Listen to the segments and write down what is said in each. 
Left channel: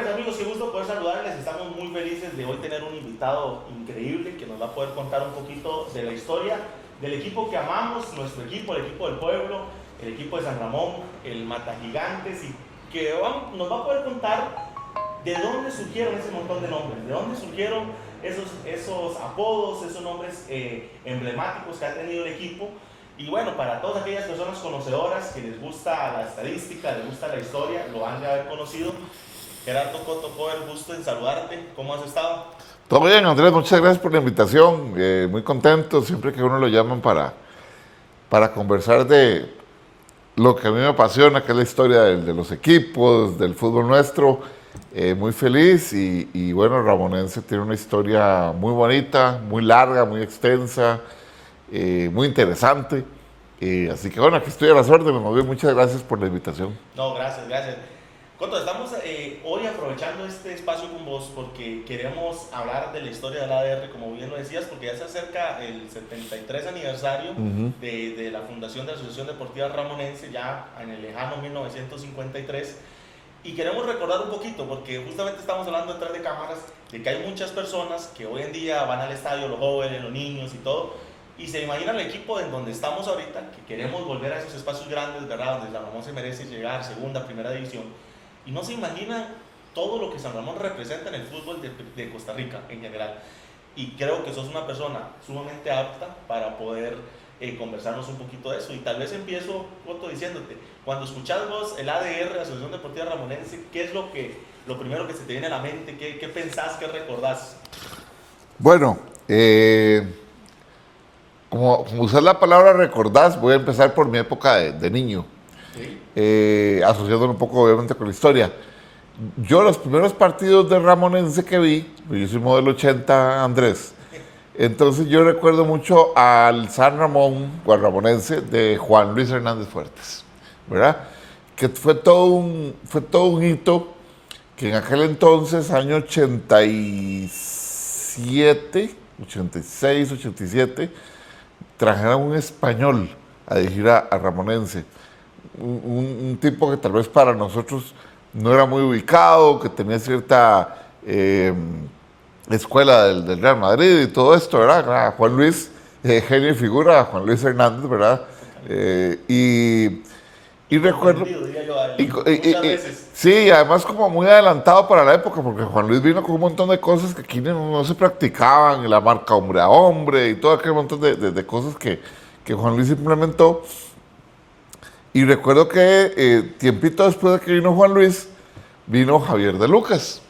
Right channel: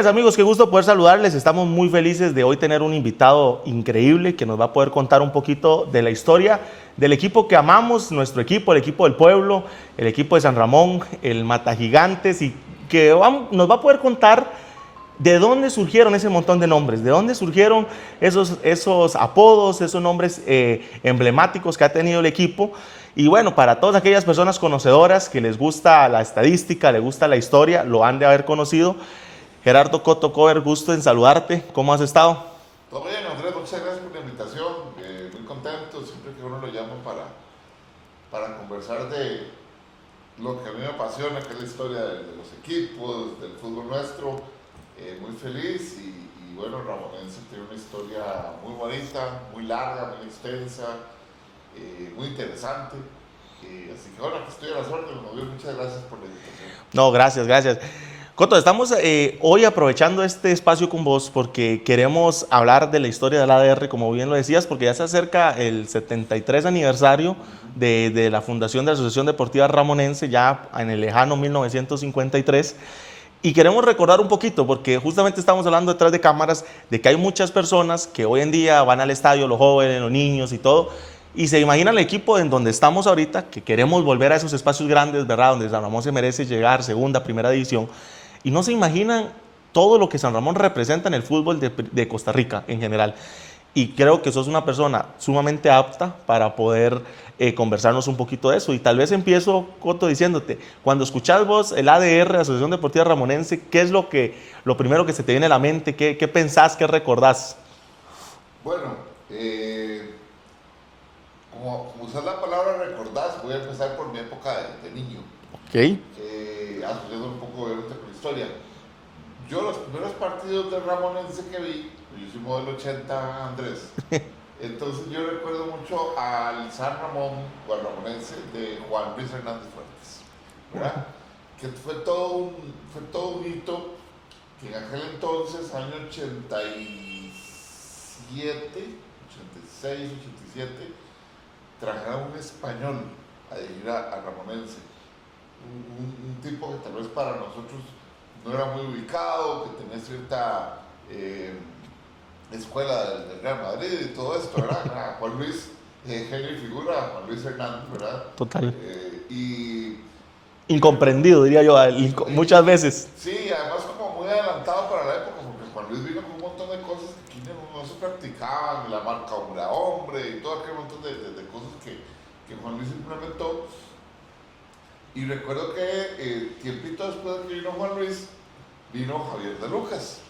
Buenas amigos, qué gusto poder saludarles. Estamos muy felices de hoy tener un invitado increíble que nos va a poder contar un poquito de la historia del equipo que amamos, nuestro equipo, el equipo del pueblo, el equipo de San Ramón, el Matagigantes, y que nos va a poder contar de dónde surgieron ese montón de nombres, de dónde surgieron esos apodos, esos nombres emblemáticos que ha tenido el equipo. Y bueno, para todas aquellas personas conocedoras que les gusta la estadística, les gusta la historia, lo han de haber conocido. Gerardo Coto Cover, gusto en saludarte. ¿Cómo has estado? Todo bien, Andrés, muchas gracias por la invitación. Muy contento siempre que uno lo llaman para conversar de lo que a mí me apasiona, que es la historia de los equipos, del fútbol nuestro. Muy feliz y bueno, Ramonense tiene una historia muy bonita, muy larga, muy extensa, muy interesante. Así que bueno, aquí estoy a las órdenes. Muy bien, muchas gracias por la invitación. No, gracias, gracias. Coto, estamos hoy aprovechando este espacio con vos porque queremos hablar de la historia del ADR, como bien lo decías, porque ya se acerca el 73 aniversario de la fundación de la Asociación Deportiva Ramonense, ya en el lejano 1953. Y queremos recordar un poquito, porque justamente estamos hablando detrás de cámaras, de que hay muchas personas que hoy en día van al estadio, los jóvenes, los niños y todo, y se imaginan el equipo en donde estamos ahorita, que queremos volver a esos espacios grandes, ¿verdad? Donde San Ramón se merece llegar, segunda, primera división. Y no se imaginan todo lo que San Ramón representa en el fútbol de Costa Rica en general. Y creo que sos una persona sumamente apta para poder conversarnos un poquito de eso. Y tal vez empiezo, Coto, diciéndote, cuando escuchás vos el ADR, Asociación Deportiva Ramonense, ¿qué es lo primero que se te viene a la mente? ¿Qué pensás, qué recordás? Bueno, como usar la palabra recordás, voy a empezar por mi época de niño. ¿Okay? Asociándolo un poco obviamente con la historia. Yo los primeros partidos de Ramonense que vi, yo soy modelo 80, Andrés, entonces yo recuerdo mucho al San Ramón, o al Ramonense, de Juan Luis Hernández Fuertes, ¿verdad? Que fue todo un hito que en aquel entonces, año 87, 86, 87, trajeron un español a dirigir a Ramonense. Un tipo que tal vez para nosotros no era muy ubicado, que tenía cierta escuela del Real Madrid y todo esto, ¿verdad? Juan Luis, genio y figura, Juan Luis Hernández, ¿verdad? Total. Incomprendido, diría yo, muchas veces. Sí, además como muy adelantado para la época, porque Juan Luis vino con un montón de cosas que aquí no se practicaban, y la marca hombre a hombre y todo aquel montón de cosas que Juan Luis implementó. Y recuerdo que tiempito después de que vino Juan Luis, vino Javier de Lucas.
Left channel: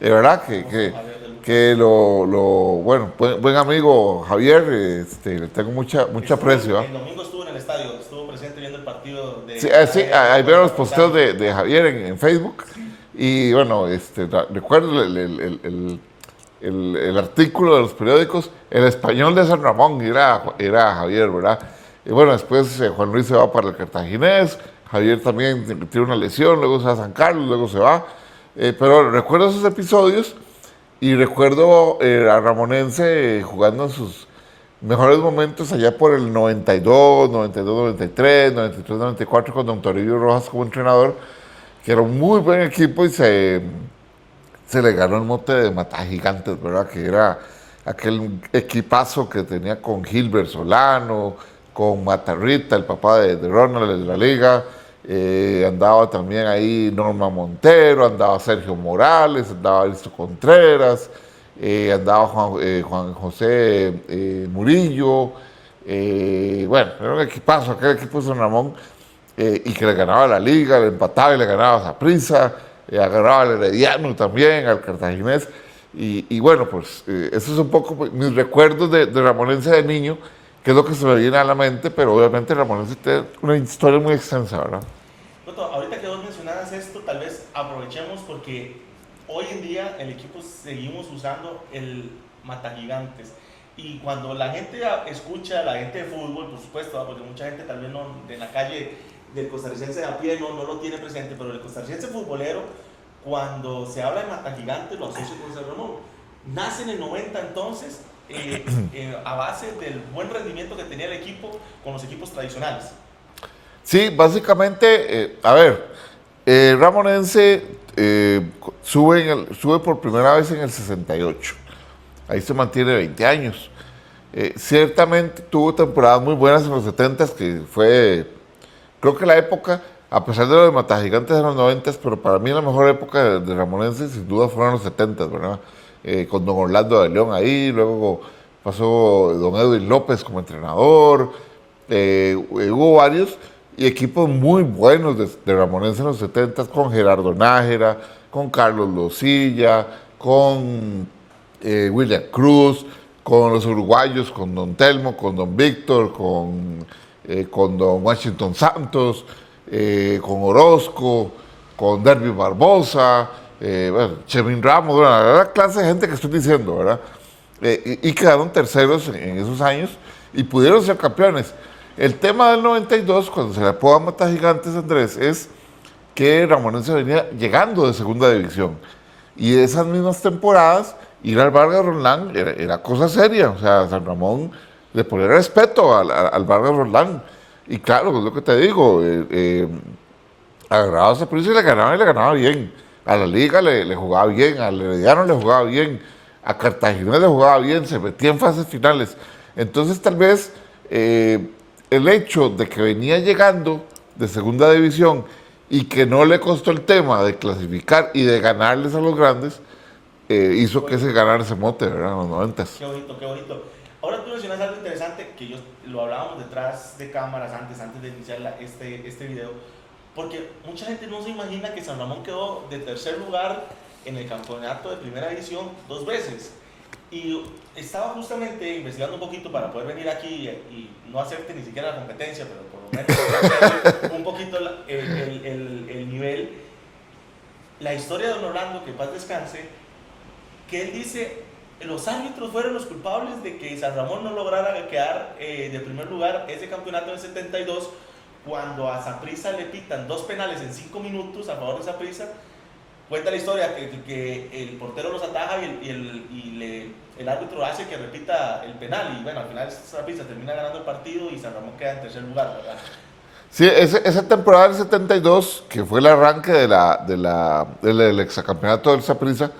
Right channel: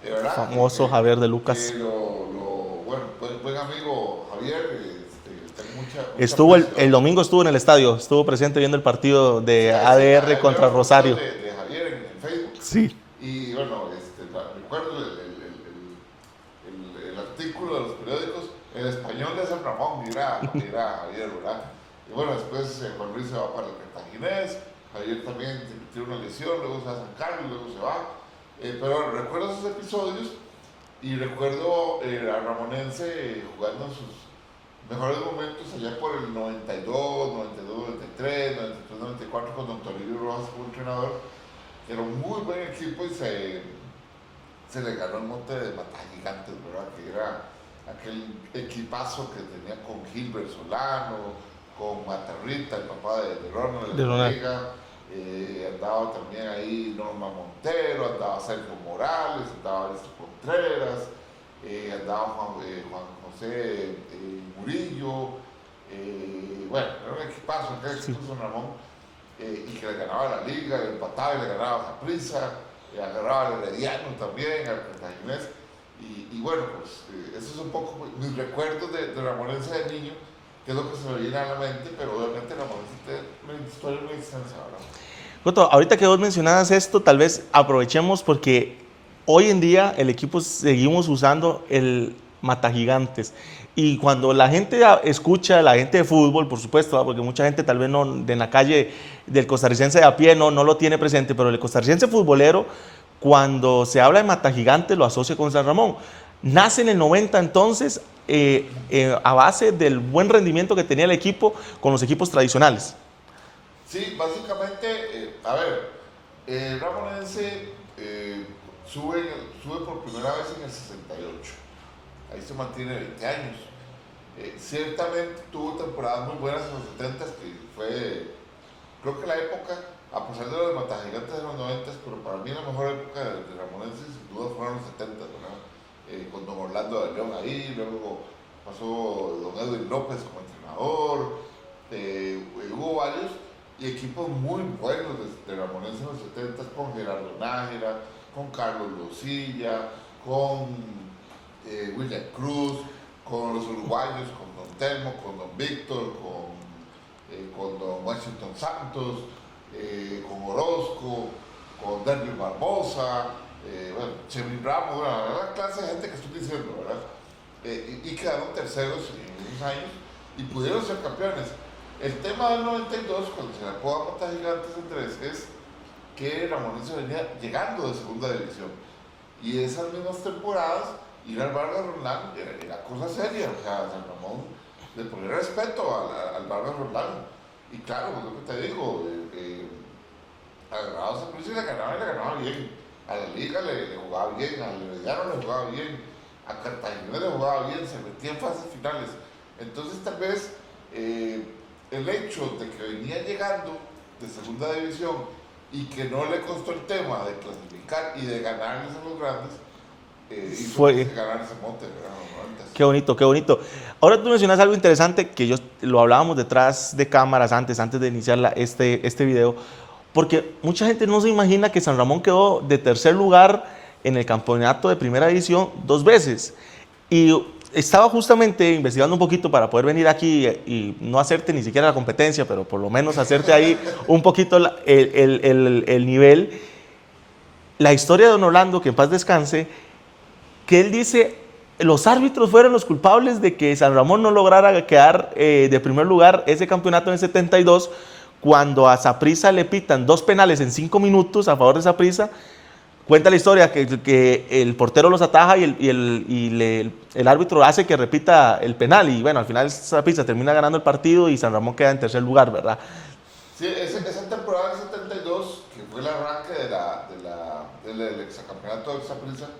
¿Verdad? Famoso Javier de Lucas. Bueno, buen amigo Javier, le tengo mucha aprecio. El domingo estuvo en el estadio, estuvo presente viendo el partido de sí, ADR ahí contra veo los Rosario. posteos de Javier en Facebook. Sí. Y bueno, recuerdo el artículo de los periódicos, El Español de San Ramón, era Javier, ¿verdad? Y bueno, después Juan Luis se va para el Cartaginés, Javier también tiene una lesión, luego se va a San Carlos, luego se va. Pero recuerdo esos episodios y recuerdo a Ramonense jugando en sus mejores momentos allá por el 92, 93, 94 con don Toribio Rojas como entrenador, que era un muy buen equipo y se le ganó el mote de Matagigantes, ¿verdad? Que era aquel equipazo que tenía con Gilbert Solano, con Matarrita, el papá de Ronald de la Liga. Andaba también ahí Norma Montero, andaba Sergio Morales, andaba Aristo Contreras, andaba Juan José Murillo. Bueno, era un equipazo, aquel equipo de San Ramón, y que le ganaba la Liga, le empataba y le ganaba a Saprissa, agarraba al Herediano también, al Cartaginés. Y bueno, pues eso es un poco mis recuerdos de Ramonense de niño, que es lo que se me viene a la mente, pero obviamente Ramonense tiene una historia muy extensa, ¿verdad? Coto, ahorita que vos mencionabas esto, tal vez aprovechemos porque hoy en día el equipo seguimos usando el Matagigantes. Y cuando la gente escucha, la gente de fútbol, por supuesto, porque mucha gente tal vez no de la calle del costarricense de a pie no lo tiene presente, pero el costarricense futbolero, cuando se habla de Matagigantes, lo asocia con San Ramón. Nace en el 90 entonces, a base del buen rendimiento que tenía el equipo con los equipos tradicionales. Sí, básicamente, a ver, Ramonense sube por primera vez en el 68. Ahí se mantiene 20 años. Ciertamente tuvo temporadas muy buenas en los 70, que fue, creo que la época, a pesar de lo de Matagigantes de los 90, pero para mí la mejor época de Ramonense sin duda fueron los 70, ¿verdad? Con don Orlando de León ahí, luego pasó don Edwin López como entrenador, hubo varios y equipos muy buenos de Ramonense en los 70 con Gerardo Nájera, con Carlos Losilla, con William Cruz, con los uruguayos, con don Telmo, con don Víctor, con don Washington Santos, con Orozco, con Derby Barbosa, bueno, Chemín Ramos, bueno, la clase de gente que estoy diciendo, ¿verdad? Y quedaron terceros en esos años y pudieron ser campeones. El tema del 92, cuando se le apoda Matagigantes, Andrés, es que Ramonense venía llegando de segunda división. Y esas mismas temporadas, ir al Vargas Roldán era cosa seria. O sea, San Ramón le ponía respeto al Vargas Roldán. Y claro, es lo que te digo, agarraba a Saprissa y le ganaba bien. A la Liga le jugaba bien, al Herediano le jugaba bien, a Cartagena le jugaba bien, se metía en fases finales. Entonces, tal vez el hecho de que venía llegando de segunda división y que no le costó el tema de clasificar y de ganarles a los grandes, hizo que se ganara ese mote, ¿verdad? En los 90. Qué bonito, qué bonito. Ahora tú mencionas algo interesante que lo hablábamos detrás de cámaras antes de iniciar este video, porque mucha gente no se imagina que San Ramón quedó de tercer lugar en el campeonato de primera división 2 veces. Y estaba justamente investigando un poquito para poder venir aquí y no hacerte ni siquiera la competencia, pero por lo menos hacerte ahí un poquito el nivel. La historia de don Orlando, que en paz descanse, que él dice, los árbitros fueron los culpables de que San Ramón no lograra quedar de primer lugar ese campeonato en el 72, cuando a Saprissa le pitan 2 penales en 5 minutos a favor de Saprissa. Cuenta la historia que el portero los ataja y el árbitro hace que repita el penal. Y bueno, al final Saprissa termina ganando el partido y San Ramón queda en tercer lugar, ¿verdad? Sí, esa temporada del 72, que fue el arranque del exacampeonato del Saprissa,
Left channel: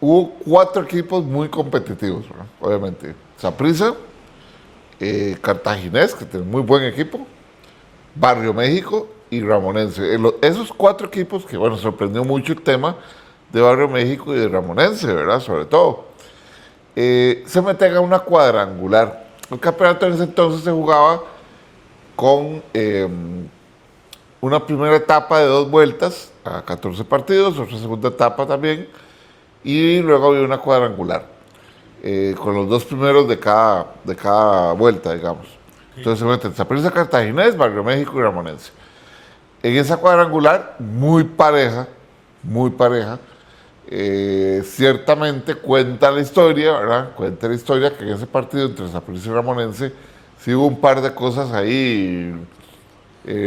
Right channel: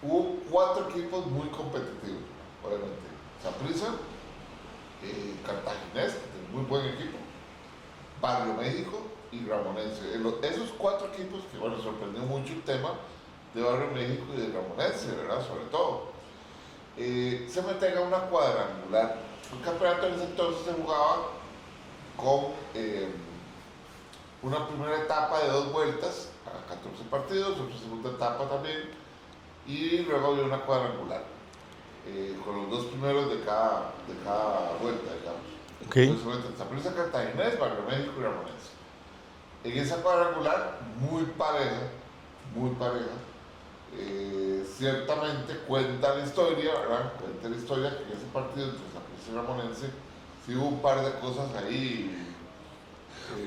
hubo 4 equipos muy competitivos, ¿verdad? Obviamente. Saprissa, Cartaginés, que tiene muy buen equipo, Barrio México y Ramonense. Esos 4 equipos que, bueno, sorprendió mucho el tema de Barrio México y de Ramonense, ¿verdad? Sobre todo. Se meten a una cuadrangular. El campeonato en ese entonces se jugaba con una primera etapa de 2 vueltas a 14 partidos, otra segunda etapa también, y luego había una cuadrangular con los 2 primeros de cada vuelta, digamos. Okay. Entonces se meten Saprissa, Cartaginés, Barrio México y Ramonense. En esa cuadrangular, muy pareja, ciertamente cuenta la historia, ¿verdad? Cuenta la historia que en ese partido entre Saprissa y Ramonense sí hubo un par de cosas ahí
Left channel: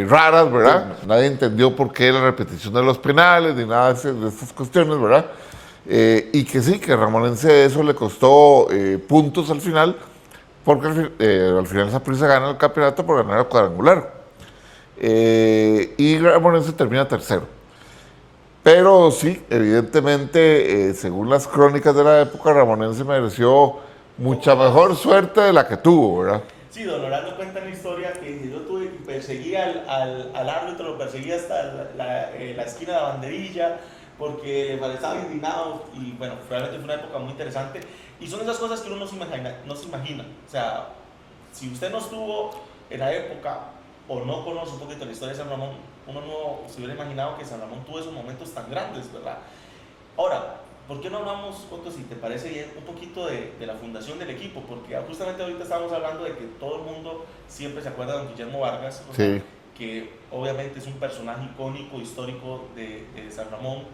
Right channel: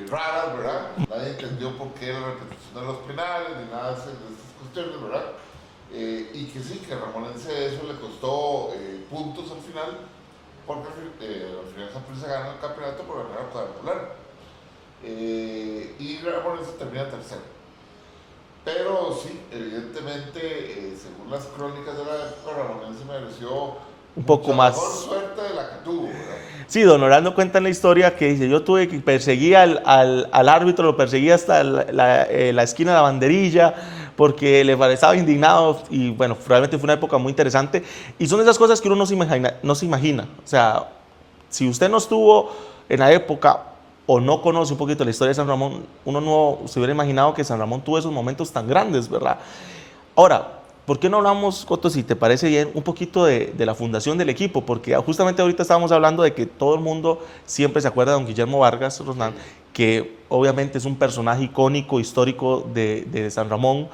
raras, ¿verdad? Nadie entendió por qué la repetición de los penales ni nada de estas cuestiones, ¿verdad? Y que sí, que Ramonense eso le costó puntos al final, porque al final Saprissa gana el campeonato por ganar el cuadrangular. Y Ramonense termina tercero. Pero sí, evidentemente, según las crónicas de la época, Ramonense mereció mucha mejor suerte de la que tuvo, ¿verdad? Sí, don Orlando cuenta en la historia que dice, yo tuve que perseguir al árbitro, lo perseguí hasta la esquina de la banderilla, porque le parecía indignado y bueno, realmente fue una época muy interesante. Y son esas cosas que uno no se imagina. O sea, si usted no estuvo en la época o no conoce un poquito la historia de San Ramón, uno no se hubiera imaginado que San Ramón tuvo esos momentos tan grandes, ¿verdad? Ahora, ¿por qué no hablamos, Coto, si te parece bien, un poquito de la fundación del equipo? Porque justamente ahorita estábamos hablando de que todo el mundo siempre se acuerda de don Guillermo Vargas, Roslán, sí, que obviamente es un personaje icónico, histórico de San Ramón.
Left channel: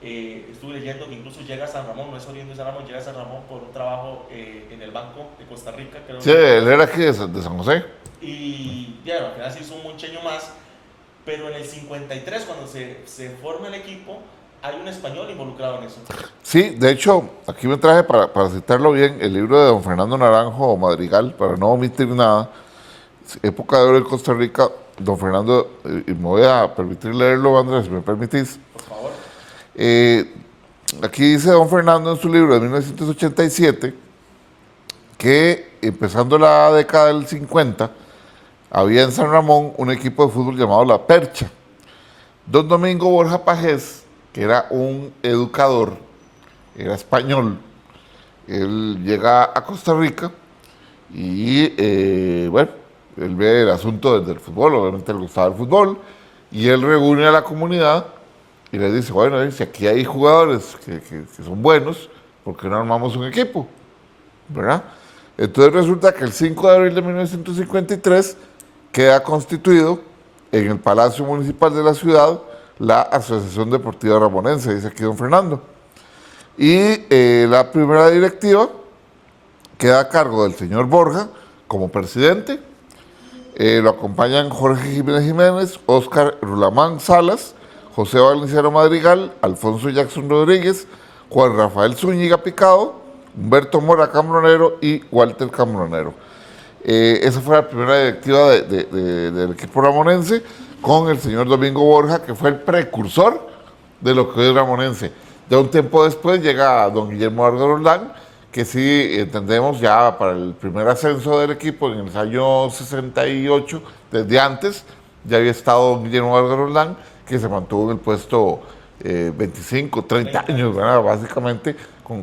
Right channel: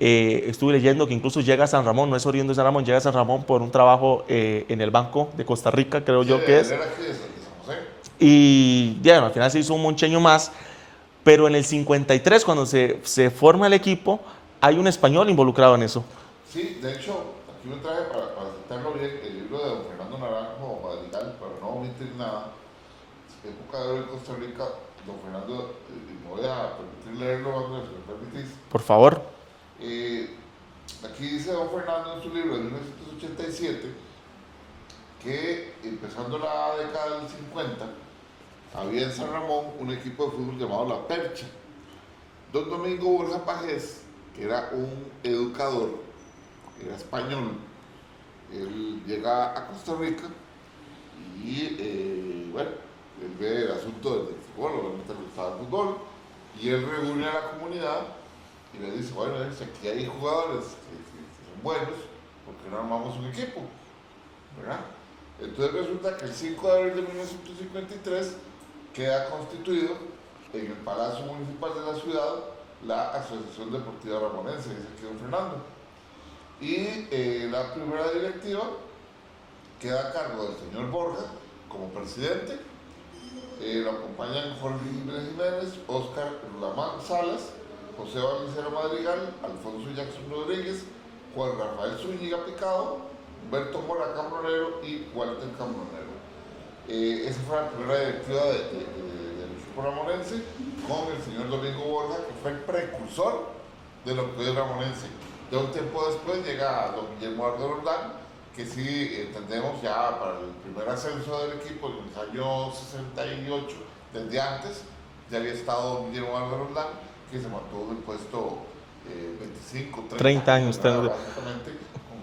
Estuve leyendo que incluso llega a San Ramón, no es oriundo de San Ramón, llega a San Ramón por un trabajo en el Banco de Costa Rica, creo yo. Sí, él era aquí de San José. Y ya, al final se hizo un moncheño más, pero en el 53, cuando se forma el equipo, hay un español involucrado en eso. Sí, de hecho, aquí me traje para citarlo bien el libro de don Fernando Naranjo Madrigal, para no omitir nada. Época de oro en Costa Rica, don Fernando, y me voy a permitir leerlo, Andrés, si me permitís. Por favor. Aquí dice don Fernando en su libro de 1987 que empezando la década del 50 había en San Ramón un equipo de fútbol llamado La Percha. Don Domingo Borja Pajés, que era un educador, era español, él llega a Costa Rica y bueno, él ve el asunto desde el fútbol, obviamente le gustaba el fútbol, y él reúne a la comunidad y le dice, bueno, si aquí hay jugadores que son buenos, ¿por qué no armamos un equipo? ¿Verdad? Entonces resulta que el 5 de abril de 1953 queda constituido en el Palacio Municipal de la ciudad la Asociación Deportiva Ramonense, dice aquí don Fernando. Y la primera directiva queda a cargo del señor Borja como presidente. Lo acompañan Jorge Jiménez Jiménez, Óscar Rulamán Salas, José Valenciano Madrigal, Alfonso Jackson Rodríguez, Juan Rafael Zúñiga Picado, Humberto Mora Cambronero y Walter Cambronero. Esa fue la primera directiva del equipo ramonense con el señor Domingo Borja, que fue el precursor de lo que es ramonense. Ya un tiempo después llega don Guillermo Vargas Roldán, que sí entendemos ya para el primer ascenso del equipo en el año 68, desde antes, ya había estado don Guillermo Vargas Roldán, que se mantuvo en el puesto 25, 30 años, ¿verdad? Básicamente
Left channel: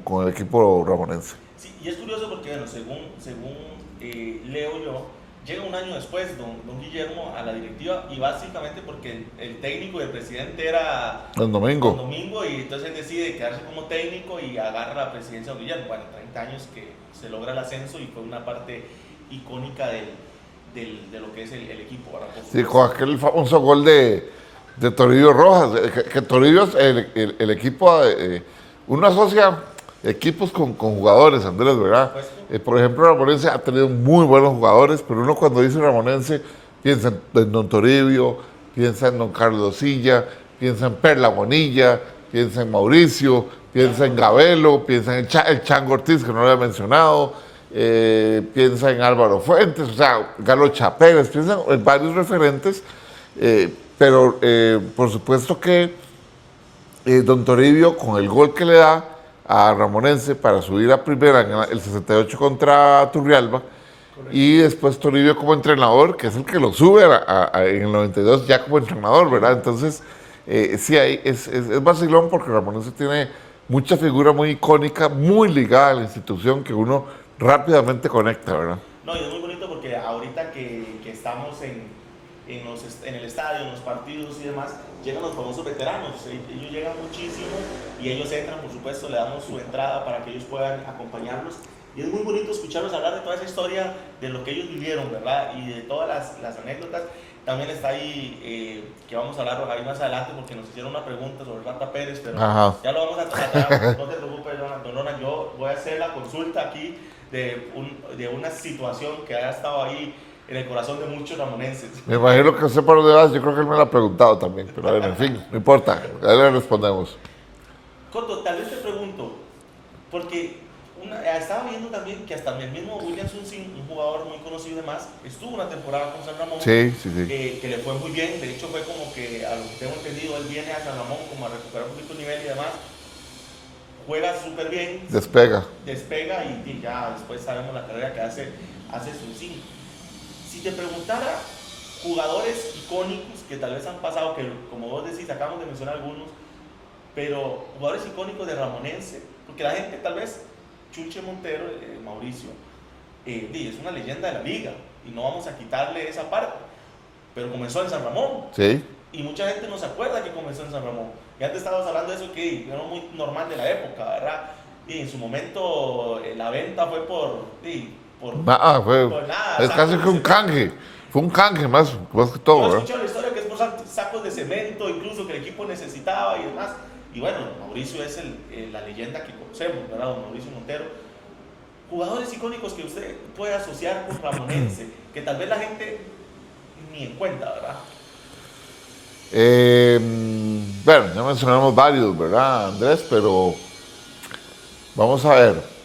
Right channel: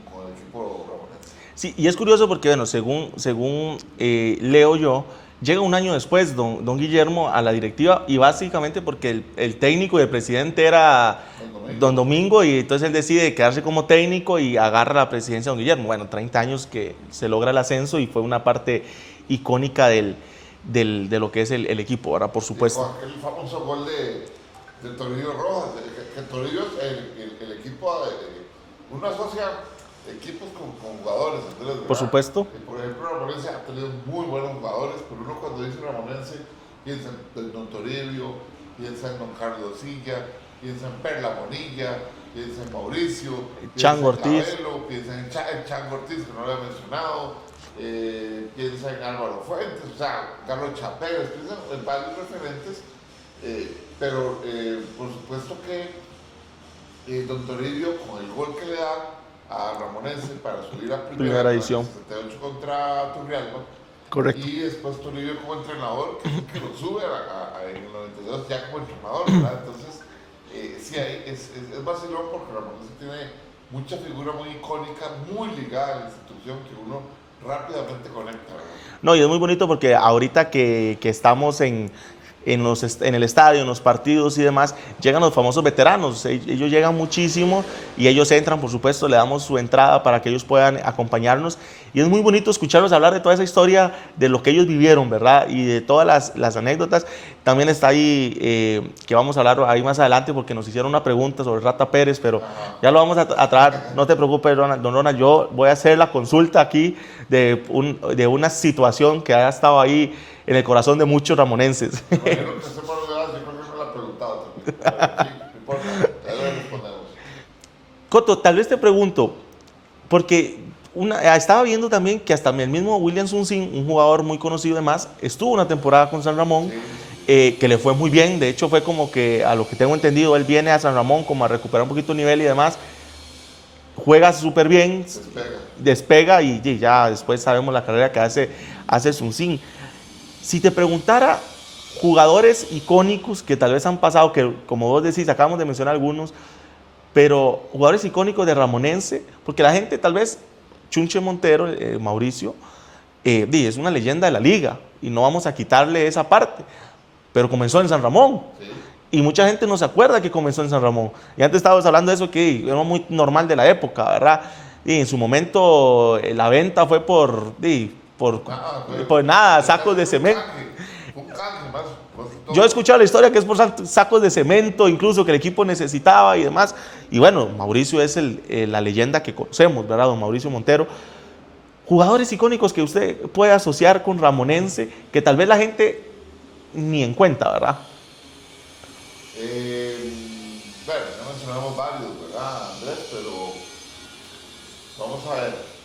con el equipo ramonense. Sí, y es curioso porque, bueno, según leo yo, llega un año después don Guillermo a la directiva y básicamente porque el técnico y el presidente era don Domingo y entonces él decide quedarse como técnico y agarra la presidencia de don Guillermo. Bueno, 30 años que se logra el ascenso y fue una parte icónica de lo que es el equipo, ¿verdad? Por supuesto. Y con aquel famoso gol de Toribio Rojas, que Toribio es el equipo, uno asocia equipos con jugadores, Andrés, ¿verdad? Por supuesto. Por ejemplo, Ramonense ha tenido muy buenos jugadores, pero uno cuando dice Ramonense piensa en don Toribio, piensa en don Carlos Silla, piensa en Perla Bonilla, piensa en Mauricio, piensa en Cabello, piensa en el Chango Ortiz, que no lo había mencionado, piensa en Álvaro Fuentes, o sea, Galo Chaperes, piensa en varios referentes, pero por supuesto que don Toribio, con el gol que le da a Ramonense para subir a primera en el 68 contra Turrialba. Correcto. Y después Toribio como entrenador, que es el que lo sube en el 92 ya como entrenador, ¿verdad? Entonces, sí, es vacilón porque Ramonense tiene mucha figura muy icónica, muy ligada a la institución que uno rápidamente conecta, ¿verdad? No, y es muy bonito porque ahorita que estamos en el estadio, en los partidos y demás, llegan los famosos veteranos. Ellos llegan muchísimo y ellos entran, por supuesto, le damos su entrada para que ellos puedan acompañarnos. Y es muy bonito escucharlos hablar de toda esa historia, de lo que ellos vivieron, ¿verdad? Y de todas las anécdotas. También está ahí, que vamos a hablar ahí más adelante, porque nos hicieron una pregunta sobre Rata Pérez, pero ya lo vamos a tratar. No te preocupes, don Ronald, yo voy a hacer la consulta aquí de una situación que ha estado ahí en el corazón de muchos ramonenses. Me imagino que usted por lo demás, yo creo que él me lo ha preguntado también, pero bueno, en fin, no importa, ya le respondemos. Coto, tal vez te pregunto, porque estaba viendo también que hasta el mismo William Sunsin, un jugador muy conocido y demás, estuvo una temporada con San Ramón, sí. Que le fue muy bien. De hecho, fue como que, a lo que tengo entendido, él viene a San Ramón como a recuperar un poquito el nivel y demás. Juega súper bien. Despega y ya después sabemos la carrera que hace Sunsin. Si te preguntara jugadores icónicos que tal vez han pasado, que como vos decís, acabamos de mencionar algunos, pero jugadores icónicos de Ramonense, porque la gente tal vez, Chunche Montero, Mauricio, es una leyenda de la liga y no vamos a quitarle esa parte, pero comenzó en San Ramón. Sí. Y mucha gente no se acuerda que comenzó en San Ramón. Y antes estábamos hablando de eso que era muy normal de la época, ¿verdad? Y en su momento la venta fue por nada, sacos de cemento. Fue un canje más que todo. Yo he escuchado la historia que es por sacos de cemento, incluso que el equipo necesitaba y demás. Y bueno, Mauricio es la leyenda que conocemos, ¿verdad? Don Mauricio Montero. Jugadores icónicos que usted puede asociar con Ramonense, que tal vez la gente ni en cuenta, ¿verdad? Bueno, ya mencionamos varios, ¿verdad, Andrés? Pero vamos a ver.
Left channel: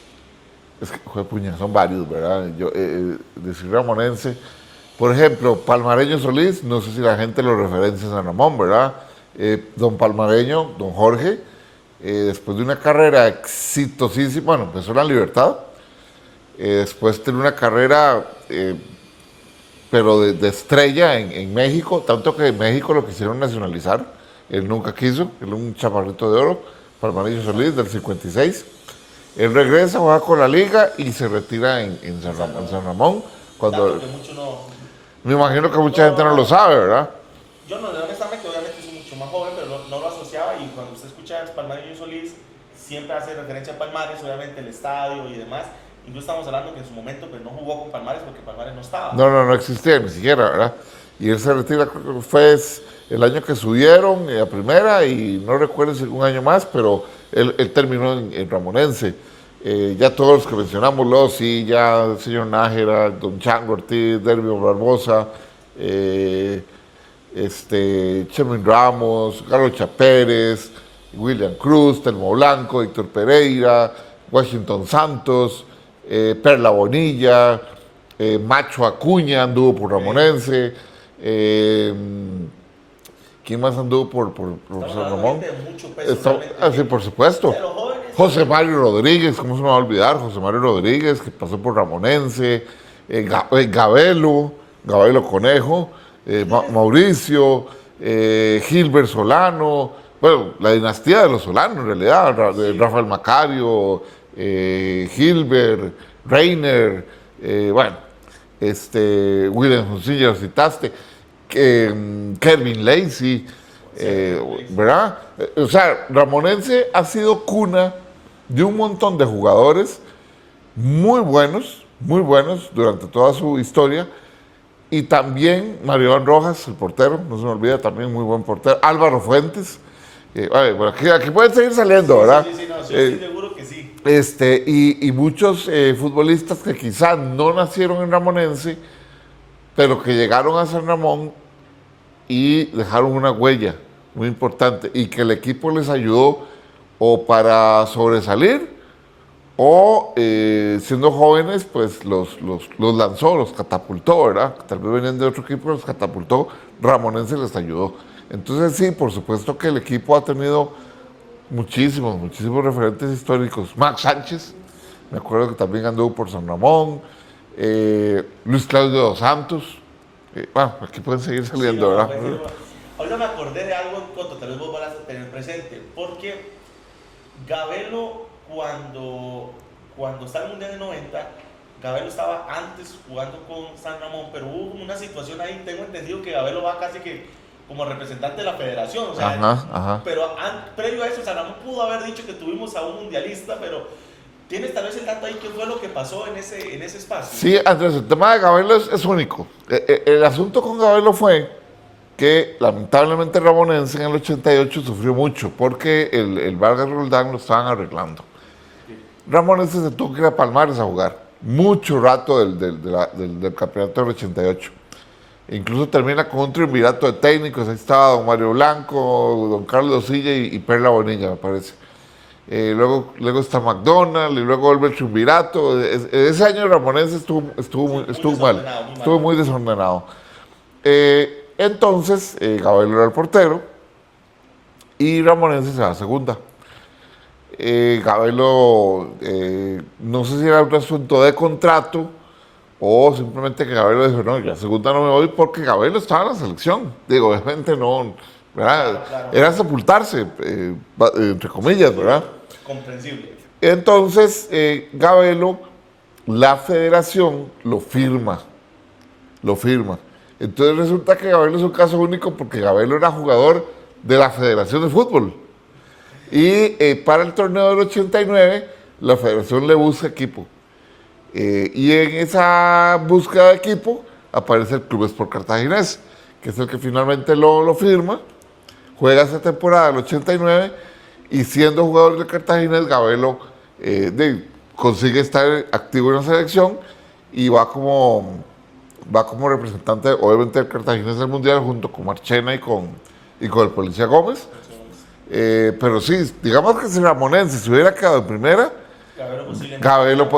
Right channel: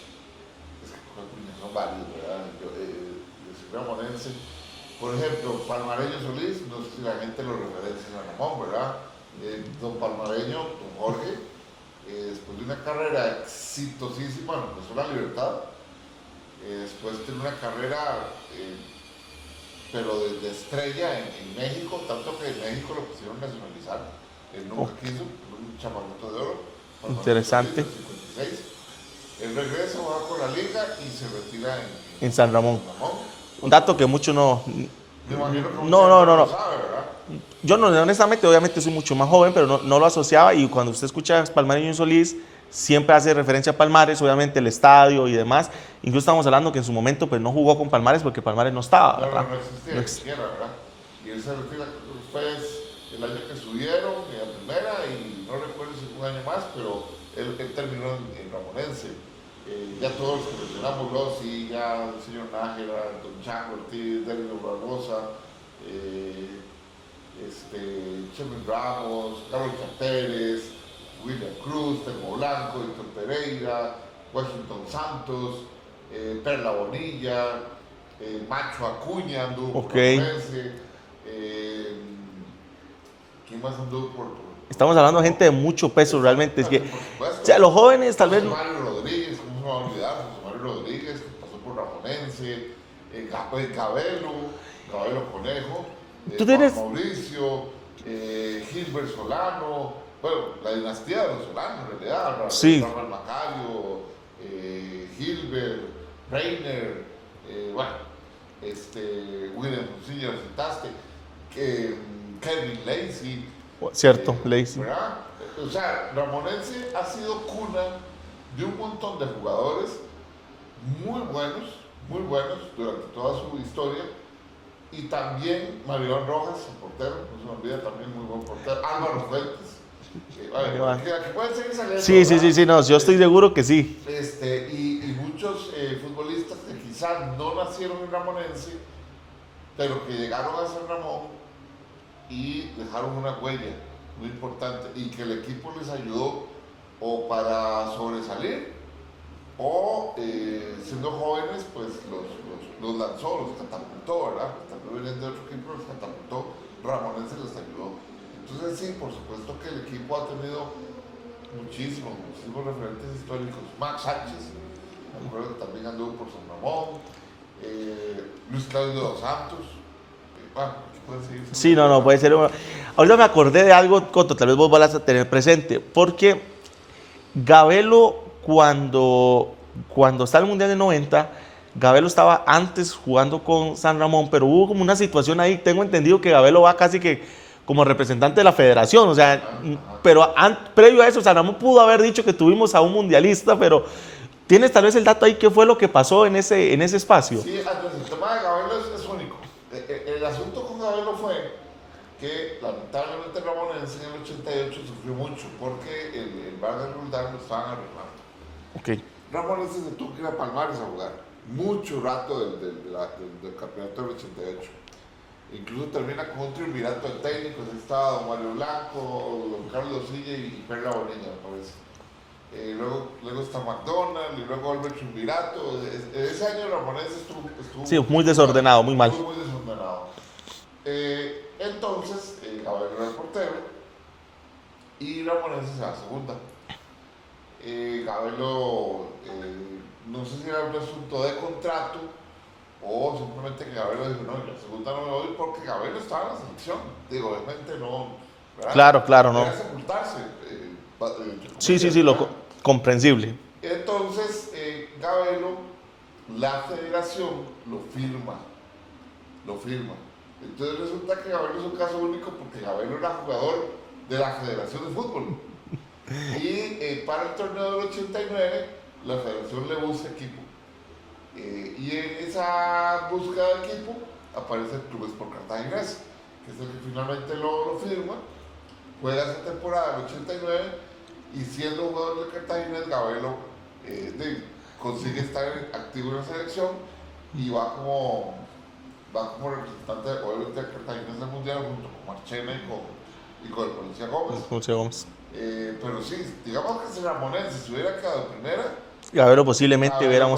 Es que, puña, son varios, ¿verdad? Decir Ramonense, Por ejemplo, Palmareño Solís, no sé si la gente lo referencia a San Ramón, ¿verdad? Don Palmareño, don Jorge, después de una carrera exitosísima, bueno, empezó en La Libertad, después de una carrera, pero de estrella en México, tanto que en México lo quisieron nacionalizar, él nunca quiso, él es un chaparrito de oro, Palmareño Solís, del 56. Él regresa, juega con la liga y se retira en San Ramón. Dato que mucho no... Me imagino que mucha gente no lo sabe, ¿verdad? Yo no, honestamente, obviamente soy mucho más joven, pero no lo asociaba, y cuando usted escucha Palmareño Solís, siempre hace referencia a Palmares, obviamente el estadio y demás. Incluso estamos hablando que en su momento pues no jugó con Palmares porque Palmares no estaba. No existía ni siquiera, ¿verdad? Y él se retira, creo que fue el año que subieron a primera, y no recuerdo si un año más, pero él terminó en Ramonense. Ya todos los que mencionamos, Lossi, ya el señor Nájera, don Chango Ortiz, Derby Barbosa, Cherwin Ramos, Carlos Chapérez, William Cruz, Telmo Blanco, Héctor Pereira, Washington Santos, Perla Bonilla, Macho Acuña anduvo por Ramonense. ¿Quién más anduvo por Estamos hablando de gente de mucho peso, realmente. Sí, por supuesto. O sea, los jóvenes... José Mario Rodríguez, ¿cómo se me va a olvidar? José Mario Rodríguez, que pasó por Ramonense. Gabelo Conejo. Mauricio. Gilbert Solano. Bueno, la dinastía de los Solanos, en realidad. Sí. Rafael Macario, Gilbert, Reiner, William Joncilla, lo citaste. Kevin Lacey, Cierto, Lacey. ¿verdad? O sea, Ramonense ha sido cuna de un montón de jugadores muy buenos durante toda su historia, y también Mario Iván Rojas, el portero, no se me olvida, también muy buen portero. Álvaro Fuentes, aquí pueden seguir saliendo, ¿verdad? Sí, no, yo estoy seguro que sí. Y muchos futbolistas que quizás no nacieron en Ramonense, pero que llegaron a San Ramón y dejaron una huella muy importante, y que el equipo les ayudó o para sobresalir, o siendo jóvenes, pues los lanzó, los catapultó, ¿verdad? Tal vez venían de otro equipo, los catapultó, Ramonense les ayudó. Entonces sí, por supuesto que el equipo ha tenido muchísimos referentes históricos. Max Sánchez, me acuerdo que también anduvo por San Ramón. Luis Claudio dos Santos. Bueno, aquí pueden seguir saliendo. Sí, no, puede ser. Ahorita me acordé de algo, Coto, tal vez vos vas a tener presente, porque Gabelo, cuando está en el Mundial de 90, Gabelo estaba antes jugando con San Ramón, pero hubo como una situación ahí, tengo entendido que Gabelo va casi que como representante de la federación, o sea, pero previo a eso, San Ramón pudo haber dicho que tuvimos a un mundialista, pero... ¿Tienes tal vez el dato ahí qué fue lo que pasó en ese espacio? Sí, Andrés, el tema de Gabelo es único. El asunto con Gabelo fue que lamentablemente Ramonense en el 88 sufrió mucho porque el Vargas Roldán lo estaban arreglando. Okay. Ramonense se tuvo que ir a Palmares a jugar mucho rato del campeonato del 88. Incluso termina con un triunvirato de técnicos. Ahí estaba don Mario Blanco, don Carlos Silla y Perla Bonilla, me parece. Luego está McDonald, y luego vuelve el triunvirato. Ese año Ramonense estuvo muy desordenado, muy mal. Estuvo muy desordenado. Entonces, Gabelo era el portero y Ramonense se va a segunda. Gabelo, no sé si era un asunto de contrato o simplemente que Gabelo dijo, no, yo a segunda no me voy porque Gabelo estaba en la selección. Digo, obviamente no, ¿verdad? Claro. Era sepultarse, entre comillas, sí, ¿verdad? Comprensible. Entonces, Gabelo, la federación lo firma. Entonces resulta que Gabelo es un caso único porque Gabelo era jugador de la Federación de Fútbol. Y para el torneo del 89, la federación le busca equipo. Y en esa búsqueda de equipo aparece el Club Sport Cartaginés, que es el que finalmente lo firma. Juega esa temporada del 89 y siendo jugador de Cartaginés, Gabelo consigue estar activo en la selección y va como representante, obviamente, del Cartaginés del Mundial junto con Marchena y con el Policía Gómez. Gómez. Pero sí, digamos que si Ramonense se hubiera quedado en primera, Gabelo posiblemente.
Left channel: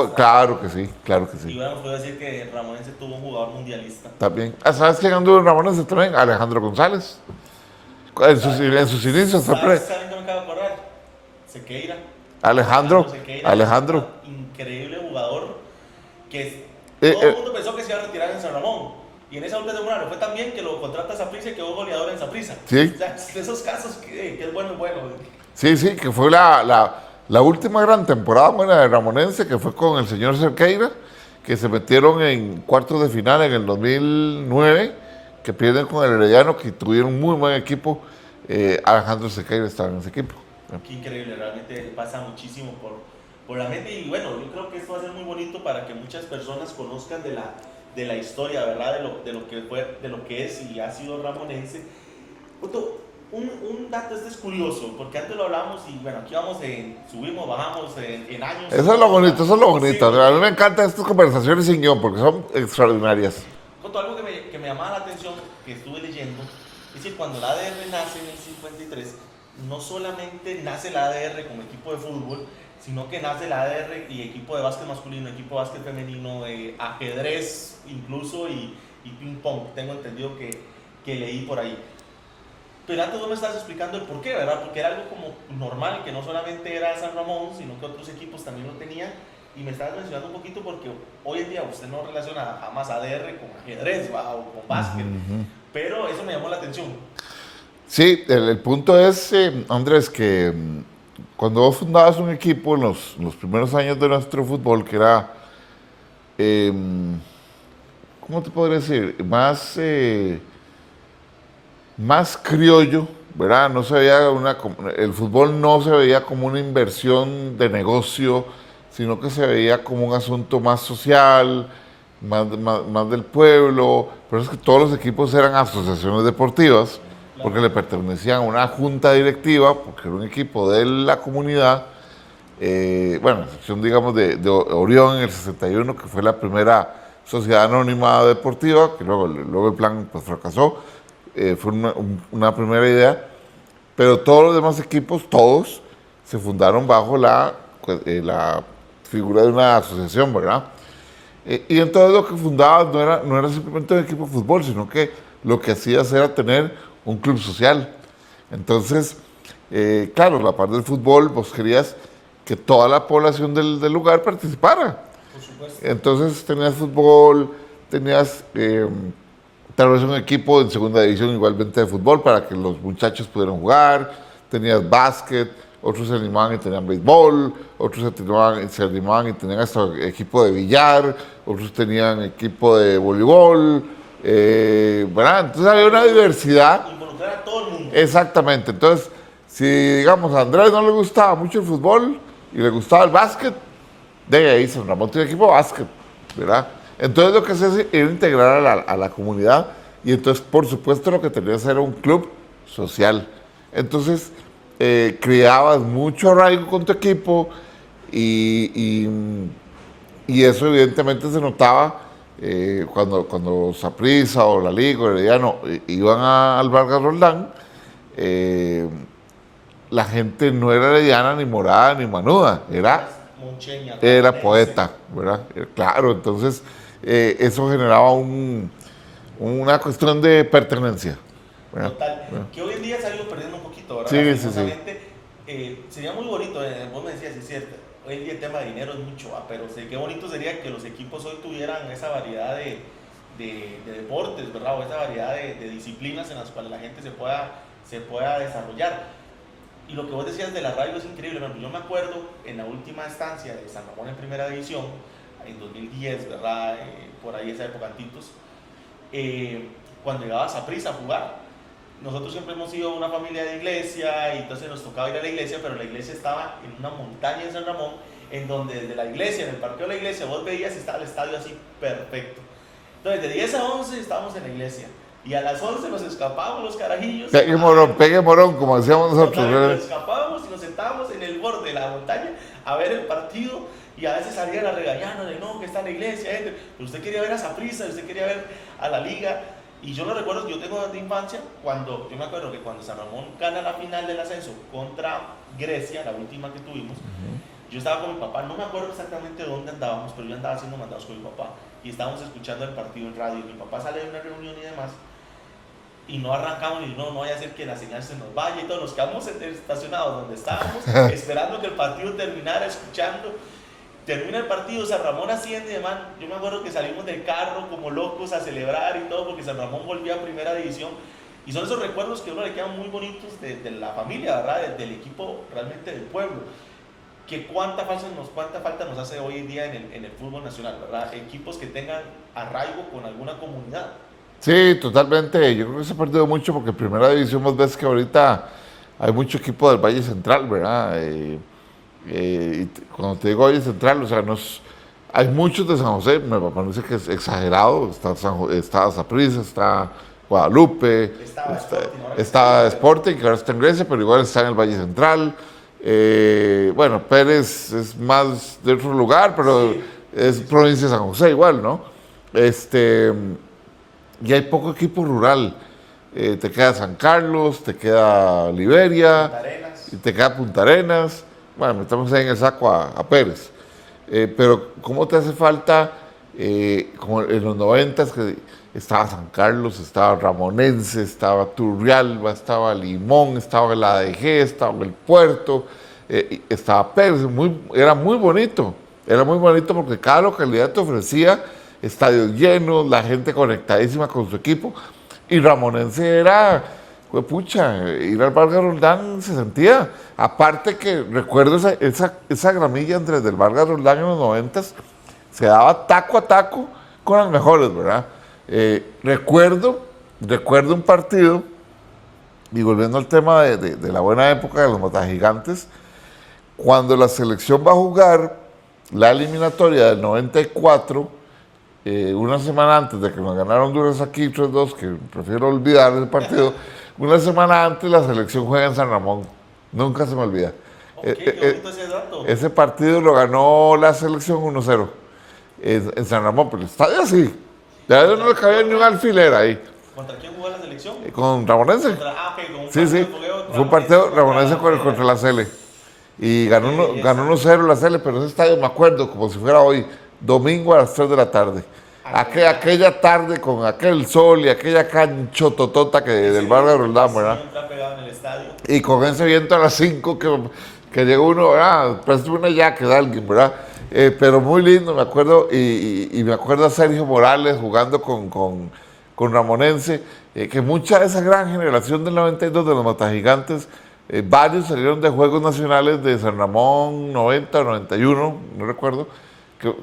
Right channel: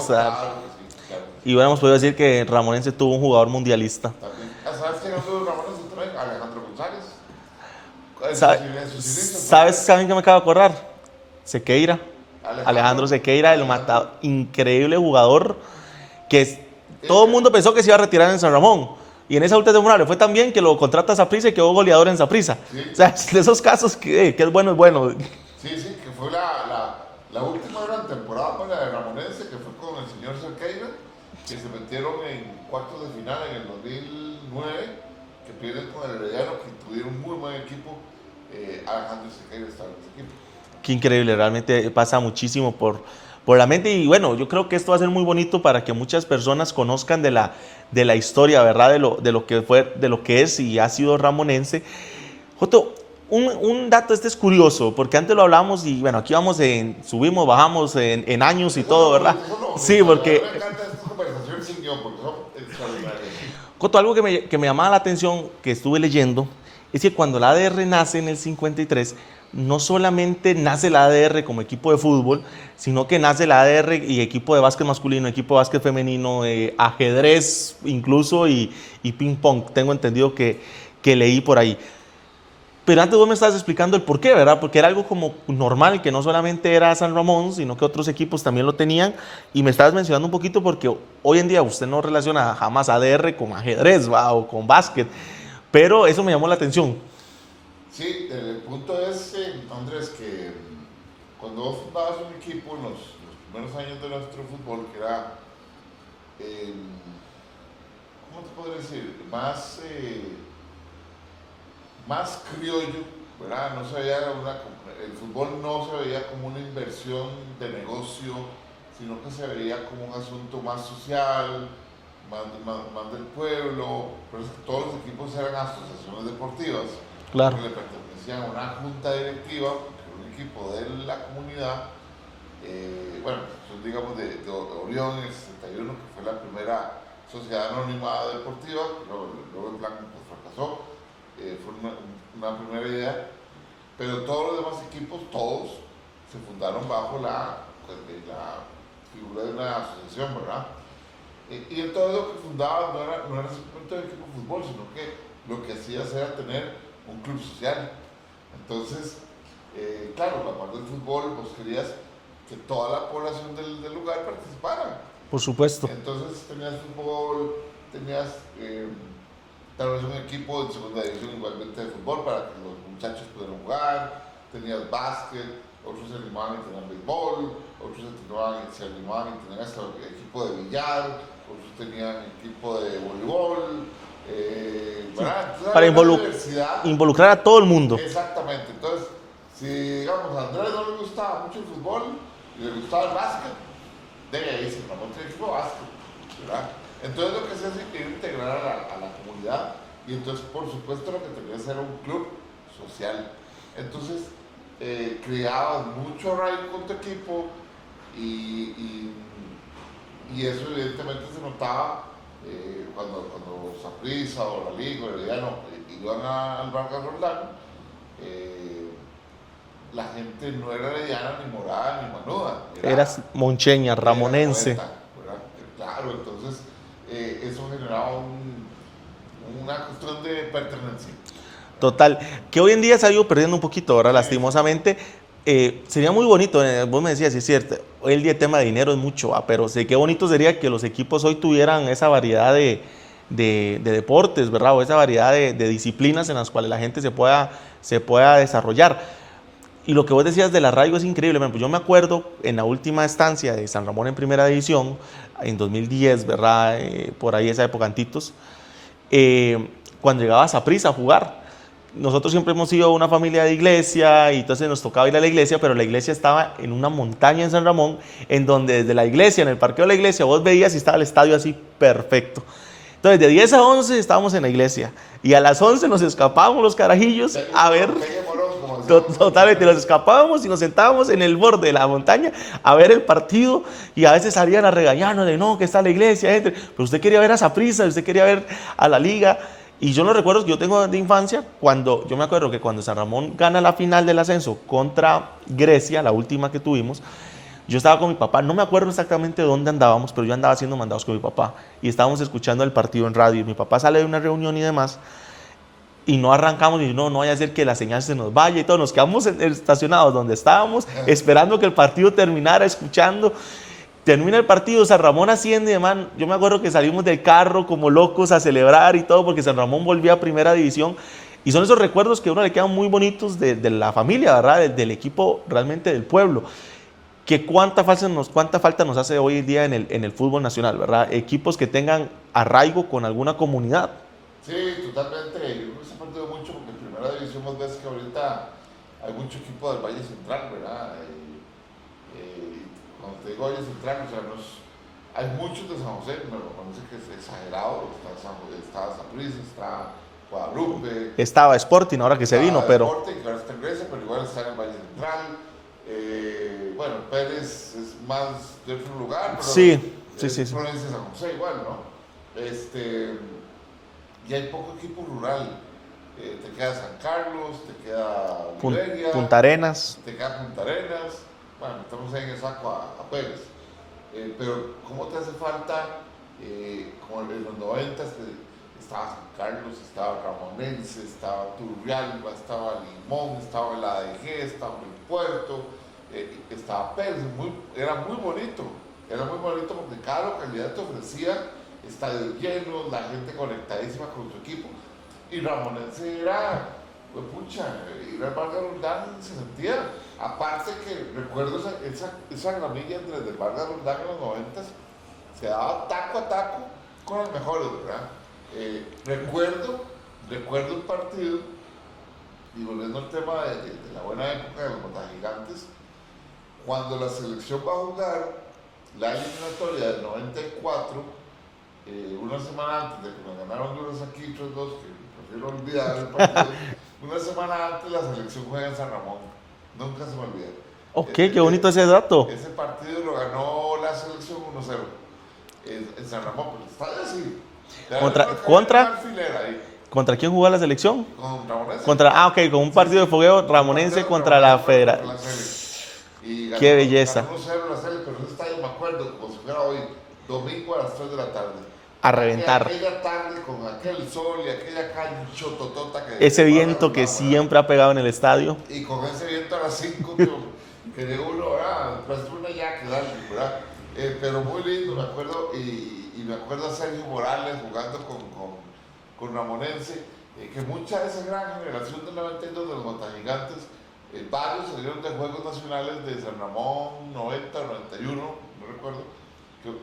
Claro que sí, claro que sí. Y hubiéramos podido decir que Ramonense tuvo un jugador mundialista. También. ¿Sabes quién anduvo en Ramonense también? Alejandro González. En sus inicios. ¿Sabes también que me acabo de acordar? Sequeira. Alejandro Sequeira, increíble jugador que todo el mundo pensó que se iba a retirar en San Ramón. Y en esa última temporada le fue tan bien que lo contrata a Saprissa y quedó goleador en Saprissa. Sí. O sea, de esos casos que es bueno, es bueno. Sí, que fue la última gran temporada buena de Ramonense, que fue con el señor Sequeira, que se metieron en cuartos de final en el 2009, que pierden con el Herediano, que tuvieron un muy buen equipo. Alejandro Sequeira estaba en ese equipo. Qué increíble, realmente pasa muchísimo por la mente. Y bueno, yo creo que esto va a ser muy bonito para que muchas personas conozcan de la historia, ¿verdad? De lo que fue, de lo que es y ha sido Ramonense. Joto, un dato es curioso, porque antes lo hablábamos y bueno, aquí subimos, bajamos en años. Eso es lo bonito, eso es lo bonito. Sí, porque, a mí me encantan estas conversaciones sin guión, porque son extraordinarias. Joto, algo que me llamaba la atención, que estuve leyendo, es que cuando la ADR nace en el 53, no solamente nace la ADR como equipo de fútbol, sino que nace la ADR y equipo de básquet masculino, equipo de básquet femenino, ajedrez incluso y ping pong. Tengo entendido que leí por ahí. Pero antes vos me estabas explicando el por qué, ¿verdad? Porque era algo como normal, que no solamente era San Ramón, sino que otros equipos también lo tenían. Y me estabas mencionando un poquito porque hoy en día usted no relaciona jamás ADR con ajedrez, ¿va? O con básquet. Pero eso me llamó la atención. Sí, el punto es, Andrés, que cuando vos fundabas un equipo en los primeros años de nuestro fútbol, que era, ¿cómo te podría decir? Más criollo, ¿verdad? No se veía el fútbol no se veía como una inversión de negocio, sino que se veía como un asunto más social, más del pueblo. Pero es que todos los equipos eran asociaciones deportivas. Claro. Porque le pertenecían a una junta directiva, porque era un equipo de la comunidad, bueno, sección digamos de Orión en el 61, que fue la primera sociedad anónima deportiva, que luego el plan pues fracasó, fue una primera idea, pero todos los demás equipos, todos, se fundaron bajo la figura de una asociación, ¿verdad? Y entonces lo que fundabas no era simplemente un equipo de fútbol, sino que lo que hacías era tener un club social. Entonces, claro, la parte del fútbol, vos querías que toda la población del lugar participara. Por supuesto. Entonces tenías fútbol, tenías tal vez un equipo en segunda división igualmente de fútbol para que los muchachos pudieran jugar, tenías básquet, otros se animaban y tenían béisbol, otros se animaban y tenían hasta equipo de billar, otros tenían equipo de voleibol. ¿Verdad? Entonces había una diversidad. Involucrar a todo el mundo. Exactamente. Entonces, si digamos a Andrés no le gustaba mucho el fútbol y le gustaba el básquet, de ahí San Ramón tiene equipo de básquet, ¿verdad? Entonces lo que se hace era integrar a la comunidad y entonces por supuesto lo que tenías era un club social. Entonces creabas mucho arraigo con tu equipo y eso evidentemente se notaba cuando Saprissa o la Liga o Herediano iban al Vargas Roldán, la gente no era herediana, ni morada, ni manuda. Era moncheña, ramonense. Era poeta, ¿verdad? Claro, entonces eso generaba una cuestión de pertenencia. ¿Verdad? Total, que hoy en día se ha ido perdiendo un poquito, ¿verdad? Sí, lastimosamente. Sí. Sería muy bonito, vos me decías, es cierto, hoy el día el tema de dinero es mucho, pero sí, qué bonito sería que los equipos hoy tuvieran esa variedad de deportes, ¿verdad? O esa variedad de disciplinas en las cuales la gente se pueda desarrollar. Y lo que vos decías del arraigo es increíble. Yo me acuerdo en la última estancia de San Ramón en primera división, en 2010, ¿verdad? Por ahí esa época, antitos, cuando llegaba Saprissa a jugar. Nosotros siempre hemos sido una familia de iglesia y entonces nos tocaba ir a la iglesia, pero la iglesia estaba en una montaña en San Ramón, en donde desde la iglesia, en el parqueo de la iglesia, vos veías y estaba el estadio así perfecto. Entonces de 10 a 11 estábamos en la iglesia y a las 11 nos escapábamos los carajillos. Pegue morón, como decíamos nosotros. Totalmente, nos escapábamos y nos sentábamos en el borde de la montaña a ver el partido y a veces salían a regañarnos de no, que está la iglesia, pero usted quería ver a Saprissa, usted quería ver a la liga. Y yo los recuerdos que yo tengo de infancia, yo me acuerdo que cuando San Ramón gana la final del ascenso contra Grecia, la última que tuvimos, Yo estaba con mi papá, no me acuerdo exactamente dónde andábamos, pero yo andaba haciendo mandados con mi papá y estábamos escuchando el partido en radio. Mi papá sale de una reunión y demás y no arrancamos y no vaya a ser que la señal se nos vaya y todo. Nos quedamos estacionados donde estábamos esperando que el partido terminara, escuchando. Termina el partido, San Ramón asciende, man. Yo me acuerdo que salimos del carro como locos a celebrar y todo porque San Ramón volvía a primera división. Y son esos recuerdos que a uno le quedan muy bonitos de la familia, ¿verdad? Del equipo realmente del pueblo. Que cuánta falta nos hace hoy en día en el fútbol nacional, ¿verdad? Equipos que tengan arraigo con alguna comunidad. Sí, totalmente. Yo creo que se ha perdido mucho porque en primera división vos ves que ahorita hay mucho equipo del Valle Central, ¿verdad? Cuando te digo Valle Central, o sea, hay muchos de San José, me parece que es exagerado. Está Saprissa, está Guadalupe. Estaba Sporting, ahora que se está vino, pero... Sporting, que ahora está en Grecia, pero igual está en el Valle Central. Bueno, Pérez es más de otro lugar, pero Sí, es provincia de San José igual, ¿no? Y hay poco equipo rural. Te queda San Carlos, te queda Liberia, Punta Arenas. y te queda Punta Arenas. Bueno, metemos ahí en el saco a Pérez. Pero, ¿cómo te hace falta, como en los 90 que estaba San Carlos, estaba Ramonense, estaba Turrialba, estaba Limón, estaba el ADG, estaba el Puerto, estaba Pérez? Era muy bonito. Era muy bonito porque cada localidad te ofrecía estadios llenos, la gente conectadísima con su equipo. Y Ramonense era, pues pucha, ir al Vargas Roldán se sentía. Aparte que recuerdo esa gramilla entre el Vargas Roldán en los 90 se daba taco a taco con las mejores, ¿verdad? Recuerdo un partido, y volviendo al tema de la buena época de los Matagigantes, cuando la selección va a jugar la eliminatoria del 94, una semana antes de que nos ganaron Honduras aquí 3-2, que prefiero olvidar el partido, una semana antes la selección juega en San Ramón. Nunca se me olvida. Ok, qué bonito ese dato. Ese partido lo ganó la selección 1-0 en San Ramón, pero el estadio así. Ya no le cabía una alfiler ahí. ¿Contra quién jugó la selección? Con Ramonense. Con un partido de fogueo Ramonense contra la Cele. Y ganó 1-0 la Cele, pero ese estadio me acuerdo como si fuera hoy, domingo a las 3 de la tarde. Aquella tarde con aquel sol y aquella canchototota que ese viento que siempre ha pegado en el estadio. Y con ese viento a las 5 que llegó uno, parece una yaque de alguien, ¿verdad? Pero muy lindo, me acuerdo, y me acuerdo a Sergio Morales jugando con Ramonense, que mucha de esa gran generación del 92 de los Matagigantes, varios salieron de Juegos Nacionales de San Ramón 90 o 91, no recuerdo,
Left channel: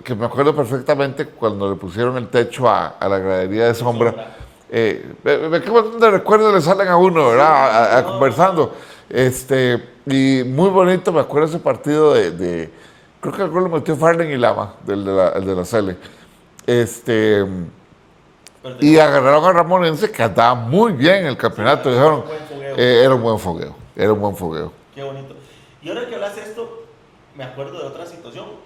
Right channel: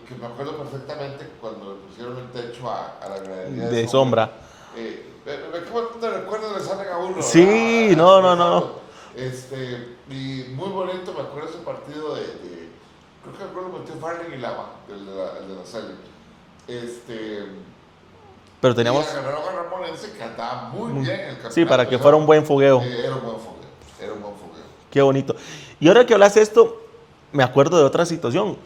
que me acuerdo perfectamente cuando le pusieron el techo a la gradería de sombra. Qué montón de recuerdos le salen a uno, ¿verdad? Sí, conversando. Y muy bonito, me acuerdo ese partido creo que el gol lo metió Farlen y Lama, el de la Cele. Y agarraron a Ramonense, que andaba muy bien en el campeonato. Sí, para que fuera un buen fogueo. Era un buen fogueo. Qué bonito. Y ahora que hablas de esto, me acuerdo de otra situación.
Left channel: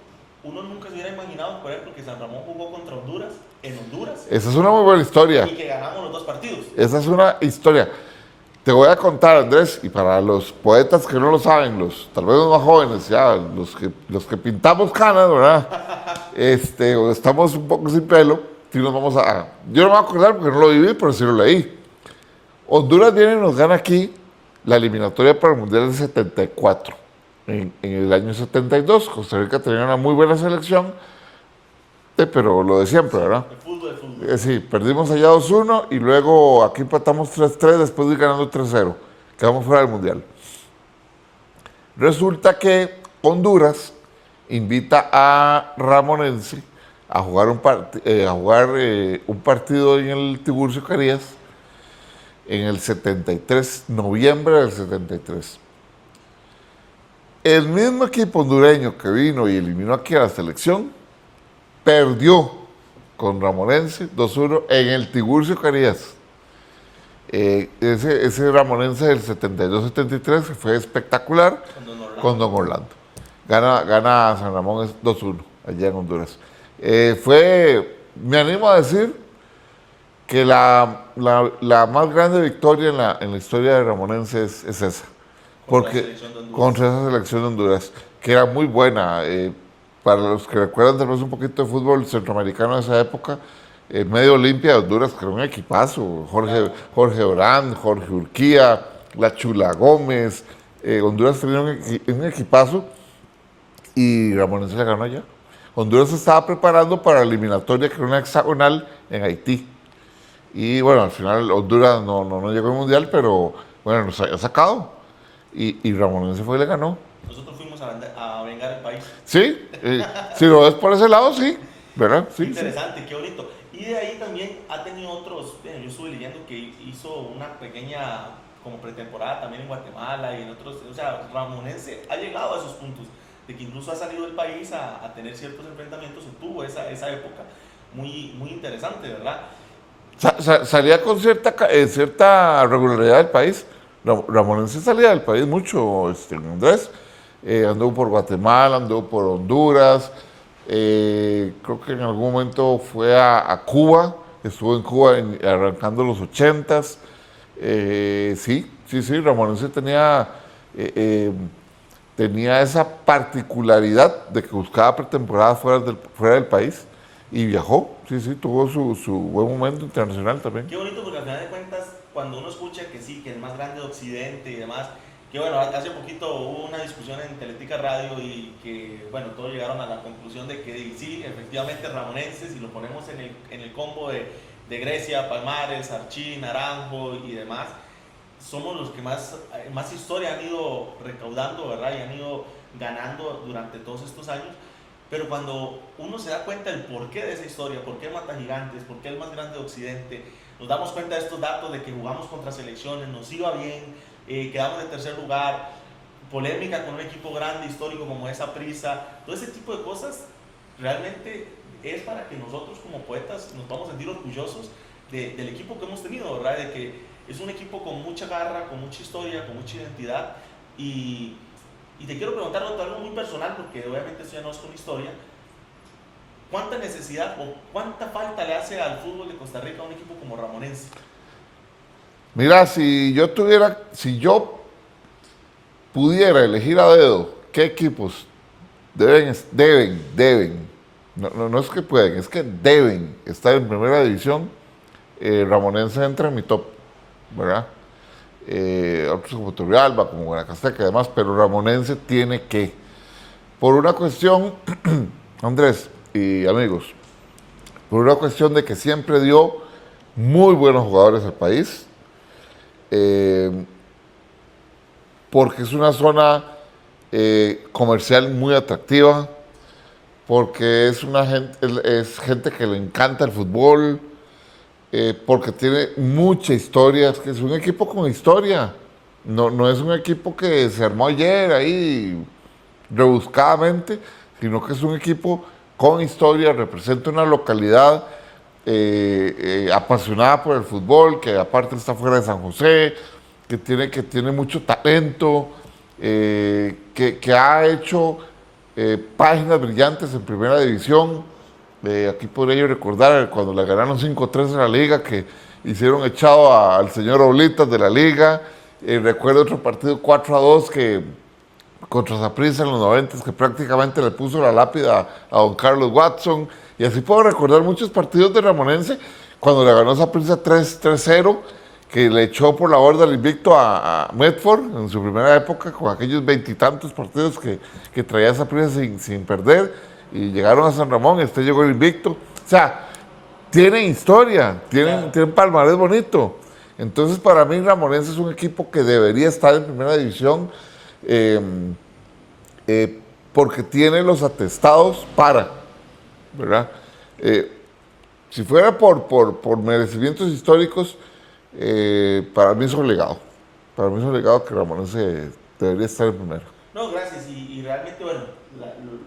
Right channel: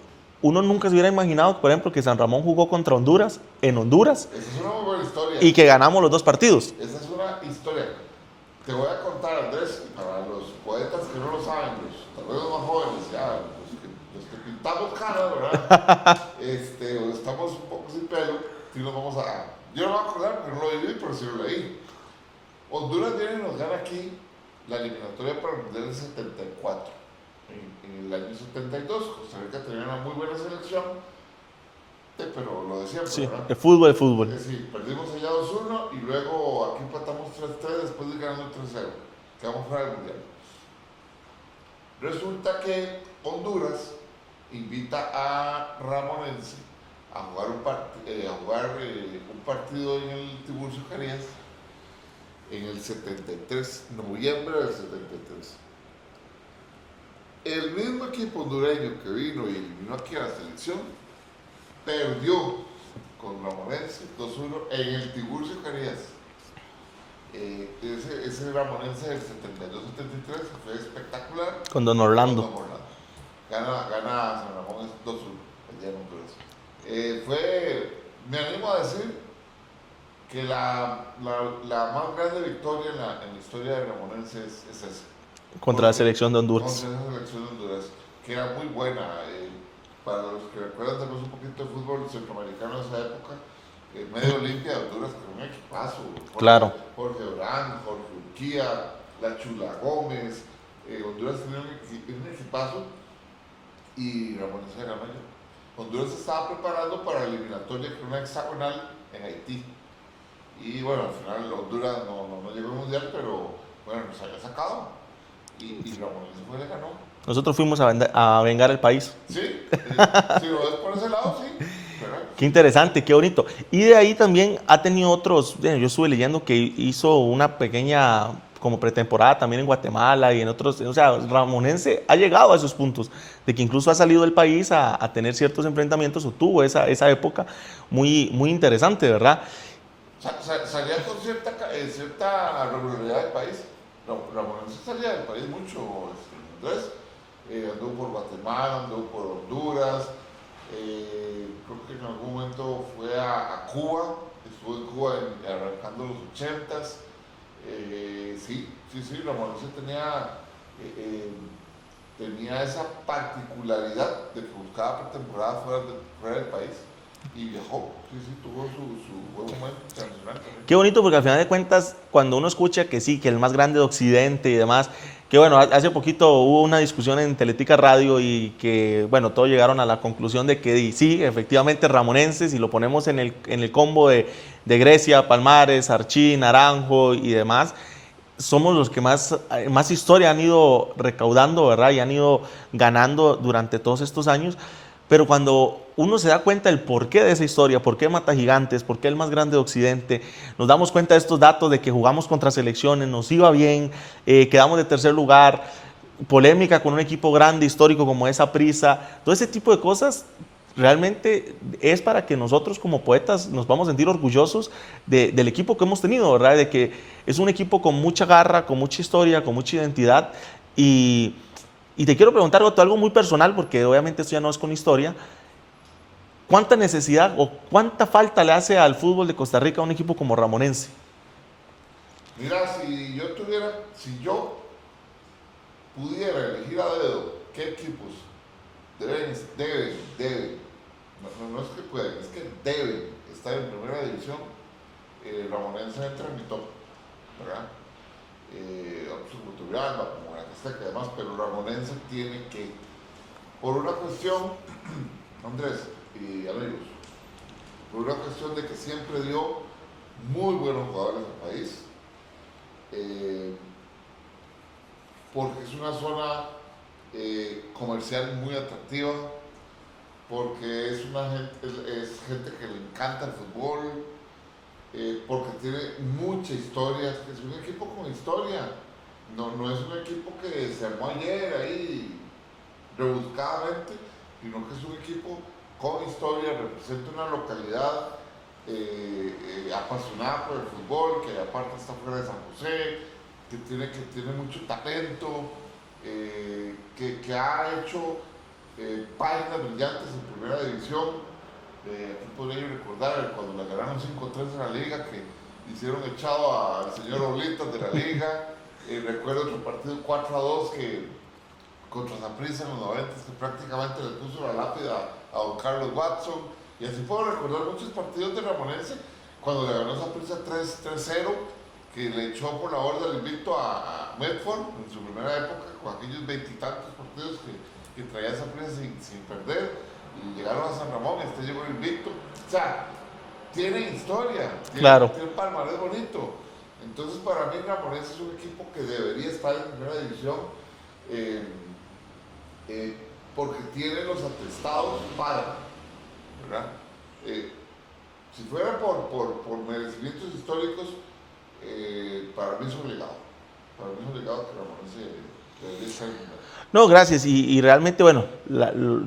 Uno nunca se hubiera imaginado, por ejemplo, que San Ramón jugó contra Honduras, en Honduras. Esa es una muy buena historia. Y que ganamos los 2 partidos. Esa es una historia. Te voy a contar, Andrés, y para los poetas que no lo saben, tal vez los más jóvenes, ya, los que pintamos canas, ¿verdad? O estamos un poco sin pelo, si nos vamos yo no me voy a acordar porque no lo viví, pero sí lo leí. Honduras viene y nos gana aquí la eliminatoria para el Mundial del 74. En el año 72, Costa Rica tenía una muy buena selección, pero lo de siempre, ¿verdad? El fútbol. Sí, perdimos allá 2-1 y luego aquí empatamos 3-3 después de ir ganando 3-0. Quedamos fuera del Mundial. Resulta que Honduras invita a Ramonense a jugar un partido en el Tiburcio Carías en el 73, noviembre del 73. El mismo equipo hondureño que vino y eliminó aquí a la selección perdió con Ramonense 2-1 en el Tiburcio Carías. Ese Ramonense del 72-73 fue espectacular. Con Don Orlando. Gana San Ramón 2-1 allá en Honduras. Me animo a decir que la más grande victoria en la historia de Ramonense es esa. Contra la selección de Honduras. Contra esa selección de Honduras. que era muy buena. Para los que recuerdan tal vez un poquito de fútbol centroamericano de esa época, Medio Olimpia de Honduras, que era un equipazo. Claro. Jorge Orán, Jorge Urquía, La Chula Gómez. Honduras tenía un equipazo y Ramonense le ganó allá. Honduras se estaba preparando para la eliminatoria, que era una hexagonal en Haití. Y bueno, al final Honduras no llegó al mundial, pero bueno, nos había sacado. Y Ramonense fue y le ganó. Nosotros fuimos a vengar el país. Sí, si lo ves por ese lado, sí, ¿verdad? Qué Sí, interesante, qué bonito. Y de ahí también ha tenido otros, yo estuve leyendo que hizo una pequeña como pretemporada también en Guatemala y en otros, o sea, Ramonense ha llegado a esos puntos, de que incluso ha salido del país a tener ciertos enfrentamientos o tuvo esa época muy interesante, ¿verdad? salía con cierta regularidad del país. Ramonense salía del país mucho, Andrés. Anduvo por Guatemala, anduvo por Honduras. Creo que en algún momento fue a Cuba. Estuvo en Cuba arrancando los 80s. Sí, Ramonense tenía esa particularidad de que buscaba pretemporada fuera del país y viajó. Sí, tuvo su buen momento internacional también. Qué bonito, porque al final de cuentas, cuando uno escucha que sí, que el más grande de Occidente y demás, que bueno, hace poquito hubo una discusión en Teletica Radio y que, bueno, todos llegaron a la conclusión de que sí, efectivamente, ramonenses, si lo ponemos en el combo de Grecia, Palmares, Archí, Naranjo y demás, somos los que más historia han ido recaudando, ¿verdad? Y han ido ganando durante todos estos años. Pero cuando uno se da cuenta del porqué de esa historia, por qué Mata Gigantes, por qué el más grande de Occidente, nos damos cuenta de estos datos de que jugamos contra selecciones, nos iba bien, quedamos de tercer lugar, polémica con un equipo grande, histórico como esa Prisa, todo ese tipo de cosas realmente es para que nosotros como poetas nos vamos a sentir orgullosos del equipo que hemos tenido, ¿verdad? De que es un equipo con mucha garra, con mucha historia, con mucha identidad y te quiero preguntar algo muy personal, porque obviamente esto ya no es con historia. ¿Cuánta necesidad o cuánta falta le hace al fútbol de Costa Rica a un equipo como Ramonense? Mira, si yo pudiera elegir a dedo qué equipos deben, no es que pueden, es que deben estar en primera división, Ramonense entra en mi top, ¿verdad? Otros como Turrialba, como Guanacasteca y demás, pero Ramonense tiene que, por una cuestión, Andrés y amigos, por una cuestión de que siempre dio muy buenos jugadores al país, porque es una zona comercial muy atractiva, porque es gente que le encanta el fútbol, porque tiene mucha historia, es que es un equipo con historia, no es un equipo que se armó ayer ahí rebuscadamente, sino que es un equipo con historia, representa una localidad apasionada por el fútbol, que aparte está fuera de San José, que tiene mucho talento, que ha hecho páginas brillantes en primera división. Aquí podría yo recordar cuando le ganaron 5-3 en la liga, que hicieron echado al señor Oblitas de la liga. Recuerdo otro partido 4-2 contra Saprissa en los 90, que prácticamente le puso la lápida a don Carlos Watson. Y así puedo recordar muchos partidos de Ramonense, cuando le ganó Saprissa 3-0, que le echó por la borda el invicto a Medford en su primera época, con aquellos veintitantos partidos que traía Saprissa sin perder. Y llegaron a San Ramón, llegó el invicto. O sea, tiene historia, tiene un palmarés bonito. Entonces, para mí, Ramonense es un equipo que debería estar en primera división porque tiene los atestados ¿verdad? Si fuera por merecimientos históricos, para mí es un legado. Para mí es un legado que Ramonense debería estar en primera. No, gracias. Y realmente, bueno,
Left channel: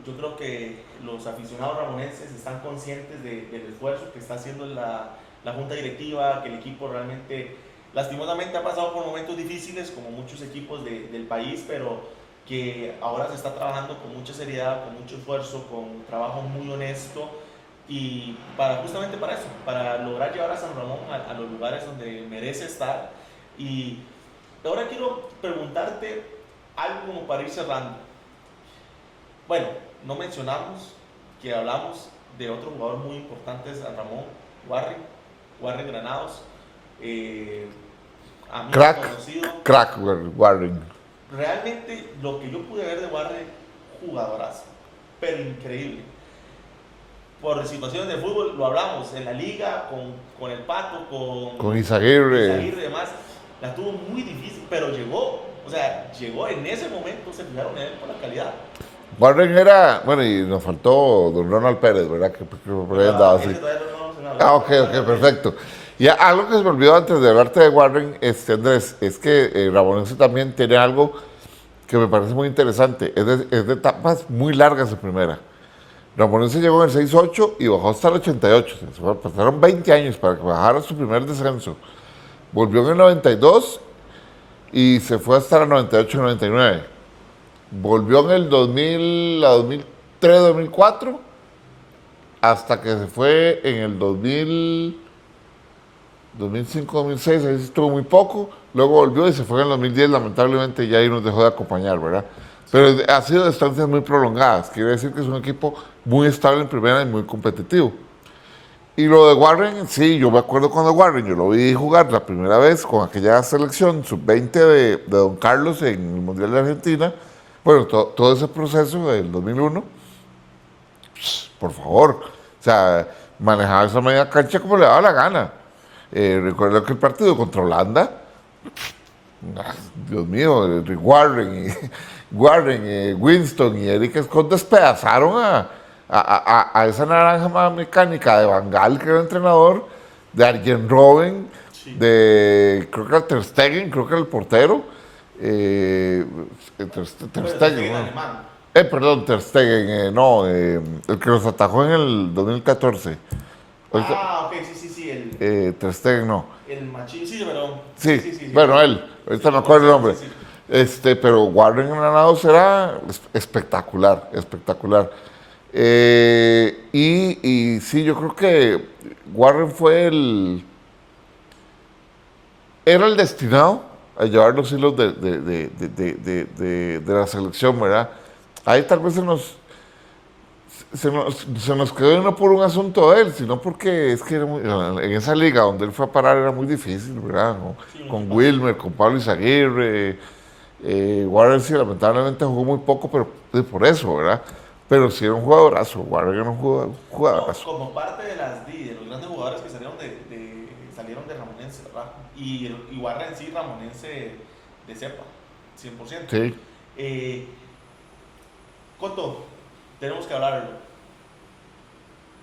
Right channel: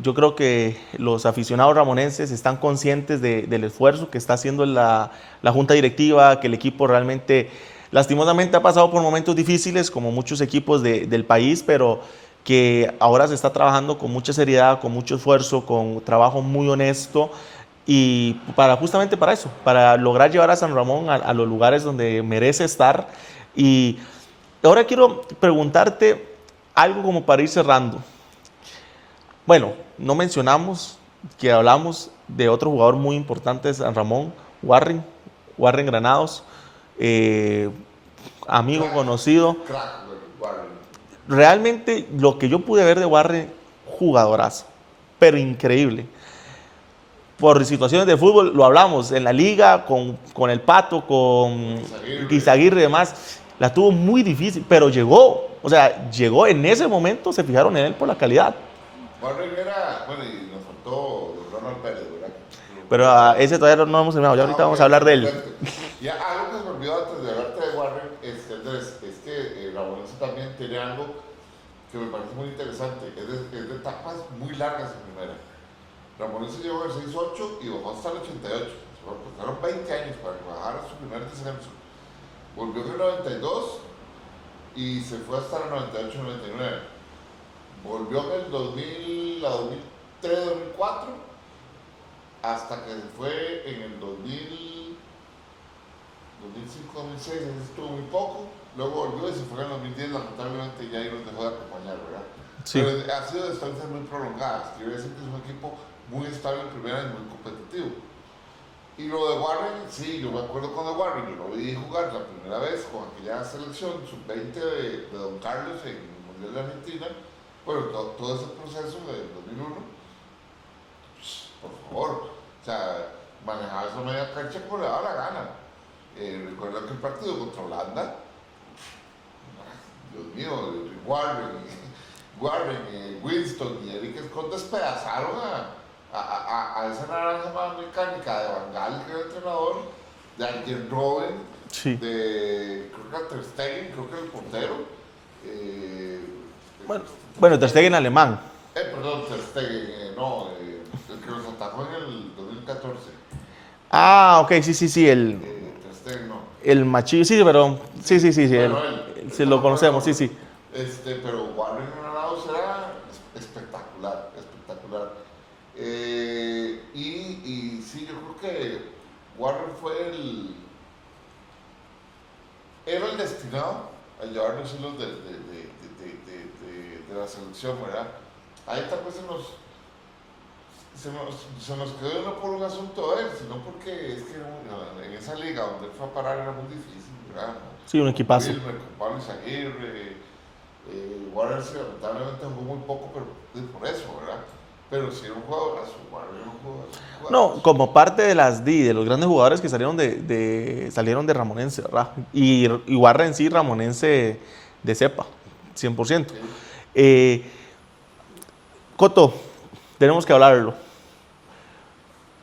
yo creo que los aficionados ramonenses están conscientes del esfuerzo que está haciendo la junta directiva, que el equipo realmente, lastimosamente, ha pasado por momentos difíciles, como muchos equipos del país, pero que ahora se está trabajando con mucha seriedad, con mucho esfuerzo, con trabajo muy honesto, y justamente para eso, para lograr llevar a San Ramón a los lugares donde merece estar. Y ahora quiero preguntarte algo como para ir cerrando. Bueno, no mencionamos que hablamos de otro jugador muy importante de San Ramón, Warren Granados, amigo conocido. Crack, Warren. Realmente lo que yo pude ver de Warren, jugadorazo, pero increíble. Por situaciones de fútbol, lo hablamos en la liga, con el Pato, Con Izaguirre. Izaguirre y demás, la tuvo muy difícil, pero llegó. O sea, llegó en ese momento, se fijaron en él por la calidad. Warren era, bueno, y nos faltó don Ronald Pérez, ¿verdad? Pero ese todavía no hemos terminado, ya vamos a hablar de él. Perfecto. Y algo que se me olvidó antes de hablarte de Warren, Andrés, es que Ramonense también tiene algo que me parece muy interesante. Es de etapas muy largas de primera. Ramonense llegó en el 6-8 y bajó hasta el 88. Pasaron 20 años para que bajara su primer descenso. Volvió en el 92 y se fue hasta el 98-99. Volvió en el 2000, a 2003, 2004, hasta que se fue en el 2005, 2006, ahí estuvo muy poco. Luego volvió y se fue en el 2010, lamentablemente ya ahí nos dejó de acompañar, ¿verdad? Sí. Pero ha sido de estancias muy prolongadas, quiere decir que es un equipo muy estable en primera y muy competitivo. Y lo de Warren, sí, yo me acuerdo cuando Warren, yo lo vi jugar la primera vez con aquella selección sub-20 de Don Carlos en el Mundial de Argentina. Bueno, todo ese proceso del 2001, por favor, o sea, manejaba esa media cancha como le daba la gana. Recuerdo que el partido contra Holanda, Dios mío, Warren, Winston y Eric Scott despedazaron a esa naranja mecánica de Van Gaal, que era el entrenador, de Arjen Robben, sí, de creo que era Ter Stegen, creo que era el portero. Bueno, Ter Stegen alemán. Perdón, Ter Stegen, el que nos atajó en el 2014. Ok, sí, Ter Stegen, no. El machillo, sí, pero... Sí. Bueno, él, ahorita no recuerdo el nombre. Sí. Pero Warren Granados era espectacular. Y sí, yo creo que Warren era el destinado a llevar los hilos de la selección, ¿verdad? Ahí tal vez se nos quedó no por un asunto de él, sino porque es que en esa liga donde él fue a parar era muy difícil, ¿verdad? Sí, un con equipazo. Wilmer, con Pablo Izaguirre, Warren sí, lamentablemente jugó muy poco, pero por eso, ¿verdad? Pero sí era un jugadorazo, Warren era un jugadorazo. No, como parte de los grandes jugadores que salieron de Ramonense, ¿verdad? Y Warren sí, Ramonense de cepa, 100%. Sí. Coto, tenemos que hablarlo.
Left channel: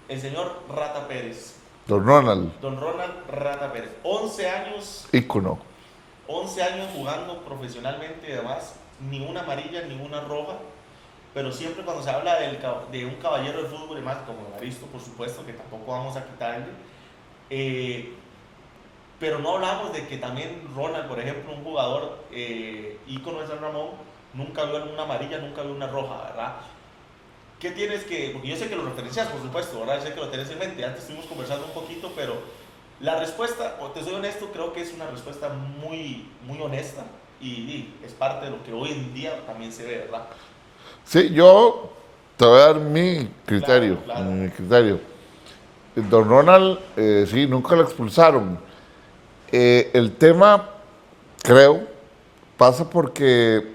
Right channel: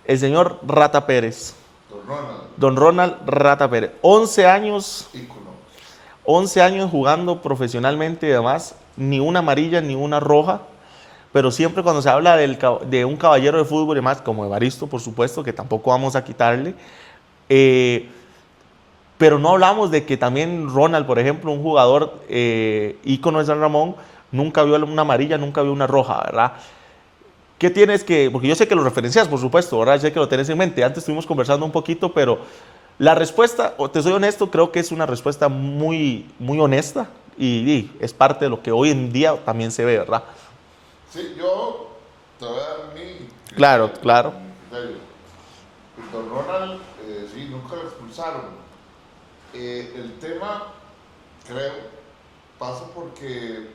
El señor Rata Pérez. Don Ronald Rata Pérez. 11 años. Ícono. 11 años jugando profesionalmente y demás. Ni una amarilla, ni una roja. Pero siempre cuando se habla de un caballero de fútbol y demás, como Evaristo, por supuesto, que tampoco vamos a quitarle. Pero no hablamos de que también Ronald, por ejemplo, un jugador ícono de San Ramón, nunca vio una amarilla, nunca vio una roja, ¿verdad? ¿Qué tienes que...? Porque yo sé que lo referencias, por supuesto, ¿verdad? Yo sé que lo tenés en mente. Antes estuvimos conversando un poquito, pero la respuesta, te soy honesto, creo que es una respuesta muy, muy honesta y es parte de lo que hoy en día también se ve, ¿verdad? Sí, yo te voy a dar mi criterio. Claro. Mi criterio. Don Ronald, sí, nunca lo expulsaron. El tema, creo, pasa porque,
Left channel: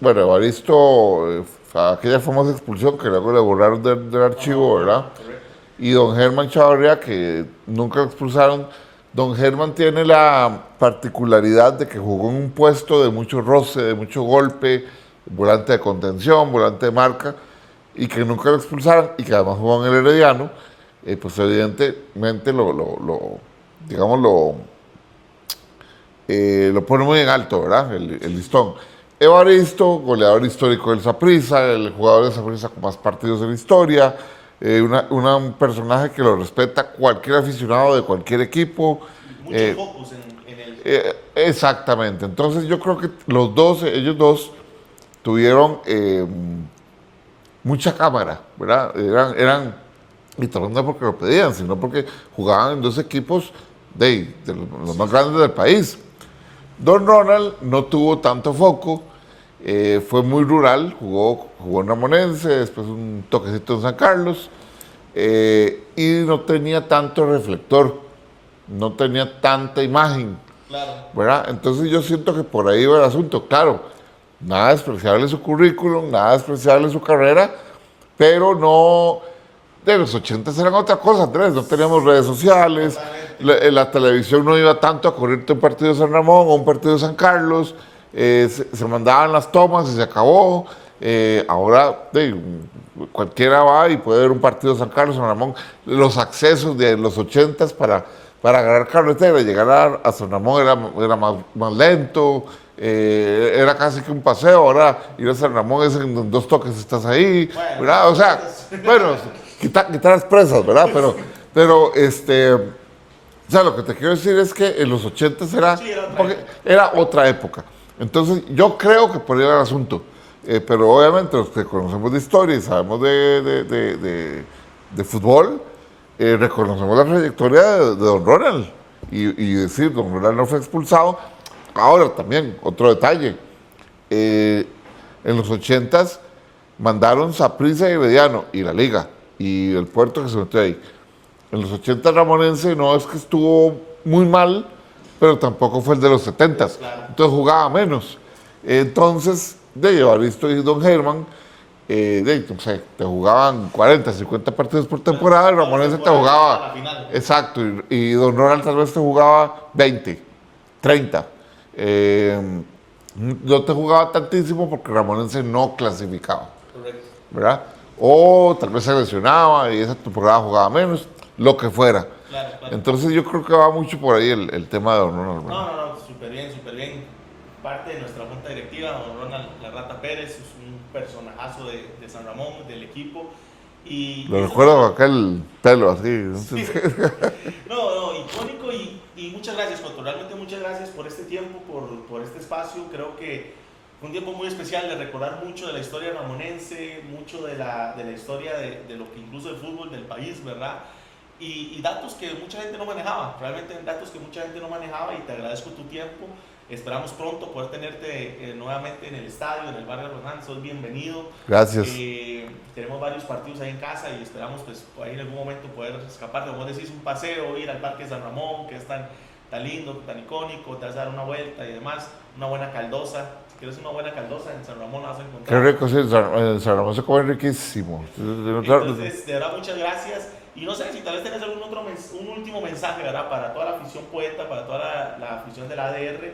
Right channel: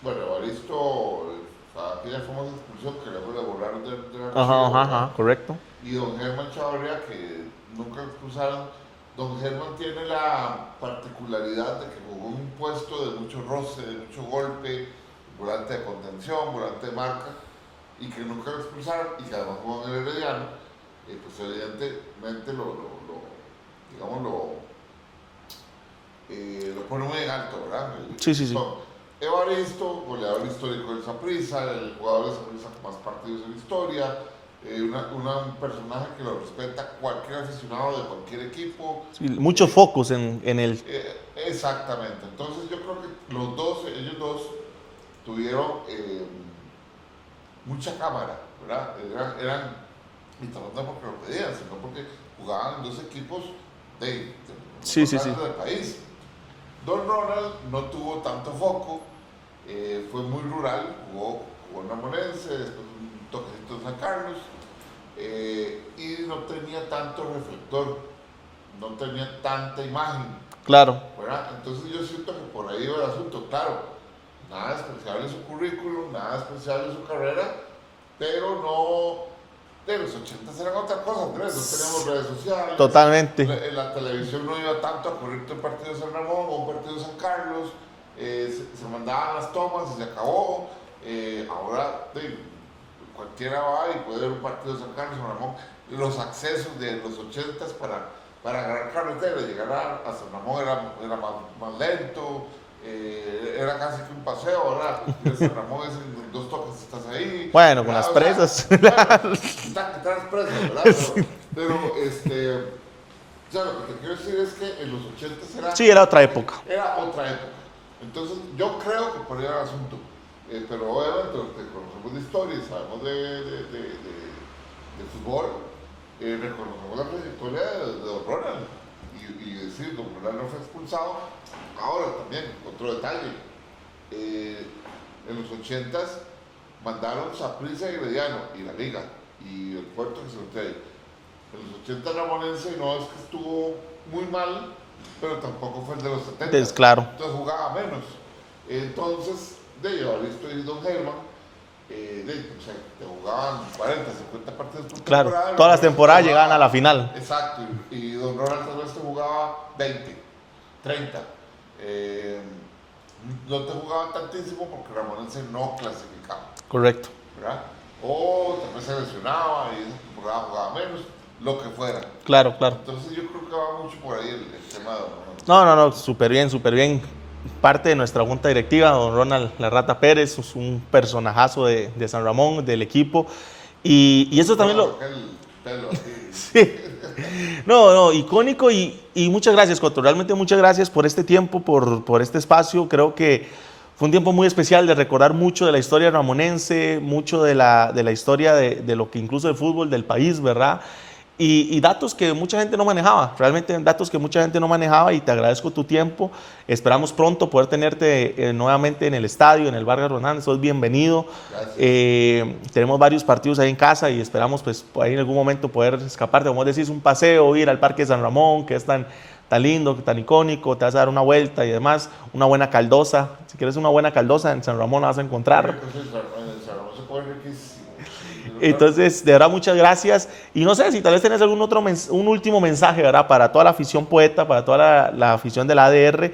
bueno, Evaristo, aquella famosa expulsión que luego le borraron del archivo, ¿verdad? Ajá, correcto. Y don Germán Chavarría, que nunca lo expulsaron. Don Germán tiene la particularidad de que jugó en un puesto de mucho roce, de mucho golpe, volante de contención, volante de marca, y que nunca lo expulsaron, y que además jugó en el Herediano, pues evidentemente lo pone muy en alto, ¿verdad? El listón. Sí. Evaristo, goleador histórico del Saprissa, el jugador del Saprissa con más partidos en la historia, un personaje que lo respeta cualquier aficionado de cualquier equipo. Sí, muchos focos en él. Exactamente. Entonces yo creo que ellos dos tuvieron mucha cámara, ¿verdad? Y tal vez no porque lo pedían, sino porque jugaban en dos equipos de los más grandes del país. Don Ronald no tuvo tanto foco, Fue muy rural, jugó en Ramonense, después un toquecito en San Carlos, y no tenía tanto reflector, no tenía tanta imagen. Claro. ¿Verdad? Entonces yo siento que por ahí va el asunto. Claro, nada despreciable su currículum, nada despreciable su carrera, pero no... De los 80 eran otra cosa, Andrés, no teníamos redes sociales. Totalmente. La televisión no iba tanto a correrte un partido de San Ramón o un partido de San Carlos. Se mandaban las tomas y se acabó. Ahora cualquiera va y puede ver un partido de San Carlos, San Ramón. Los accesos de los 80 para agarrar carretera y llegar a San Ramón era más lento. Era casi que un paseo. Ahora ir a San Ramón es en 2 toques estás ahí. Bueno, ¿verdad? O sea, bueno, quitar las presas, ¿verdad? Pero o sea, lo que te quiero decir es que en los 80 Sí, era otra época. Era otra época. Entonces, yo creo que por ahí va el asunto. Pero obviamente los que conocemos de historia y sabemos de fútbol, reconocemos la trayectoria de Don Ronald. Y decir, Don Ronald no fue expulsado. Ahora también, otro detalle. En los 80s mandaron Saprissa y Herediano y la Liga y el Puerto que se metió ahí. En los 80 Ramonense no es que estuvo muy mal, pero tampoco fue el de los 70. Claro. Entonces jugaba menos. Entonces, de Evaristo y Don Germán, no sé, te jugaban 40, 50 partidos por temporada. Claro, todas las temporadas llegaban a la final. Exacto, y Don Ronald tal vez te jugaba 20, 30. No te jugaba tantísimo porque Ramonense no clasificaba. Correcto. ¿Verdad? O tal vez se lesionaba y esa temporada jugaba menos, lo que fuera. Claro, claro. Entonces yo creo que va mucho por ahí el tema de Don Ronald. No, súper bien, súper bien. Parte de nuestra junta directiva, don Ronald La Rata Pérez, es un personajazo de San Ramón, del equipo. Y eso también aquel pelo así. Sí. No, icónico y muchas gracias, Coto. Realmente muchas gracias por este tiempo, por este espacio. Creo que fue un tiempo muy especial de recordar mucho de la historia ramonense, mucho de la historia de lo que incluso del fútbol del país, ¿verdad? Y datos que mucha gente no manejaba, realmente datos que mucha gente no manejaba, y te agradezco tu tiempo. Esperamos pronto poder tenerte nuevamente en el estadio, en el Vargas Rodán. Sos bienvenido. Gracias. Tenemos varios partidos ahí en casa y esperamos pues ahí en algún momento poder escaparte, como decís, un paseo, ir al Parque de San Ramón, que es tan lindo, tan icónico, te vas a dar una vuelta y demás, una buena caldosa. Si quieres una buena caldosa, en San Ramón la vas a encontrar. Qué rico, sí, en San Ramón se come riquísimo. Entonces, de verdad, muchas gracias. Y no sé si tal vez tenés un último mensaje, ¿verdad? Para toda la afición poeta, para toda la afición de la ADR,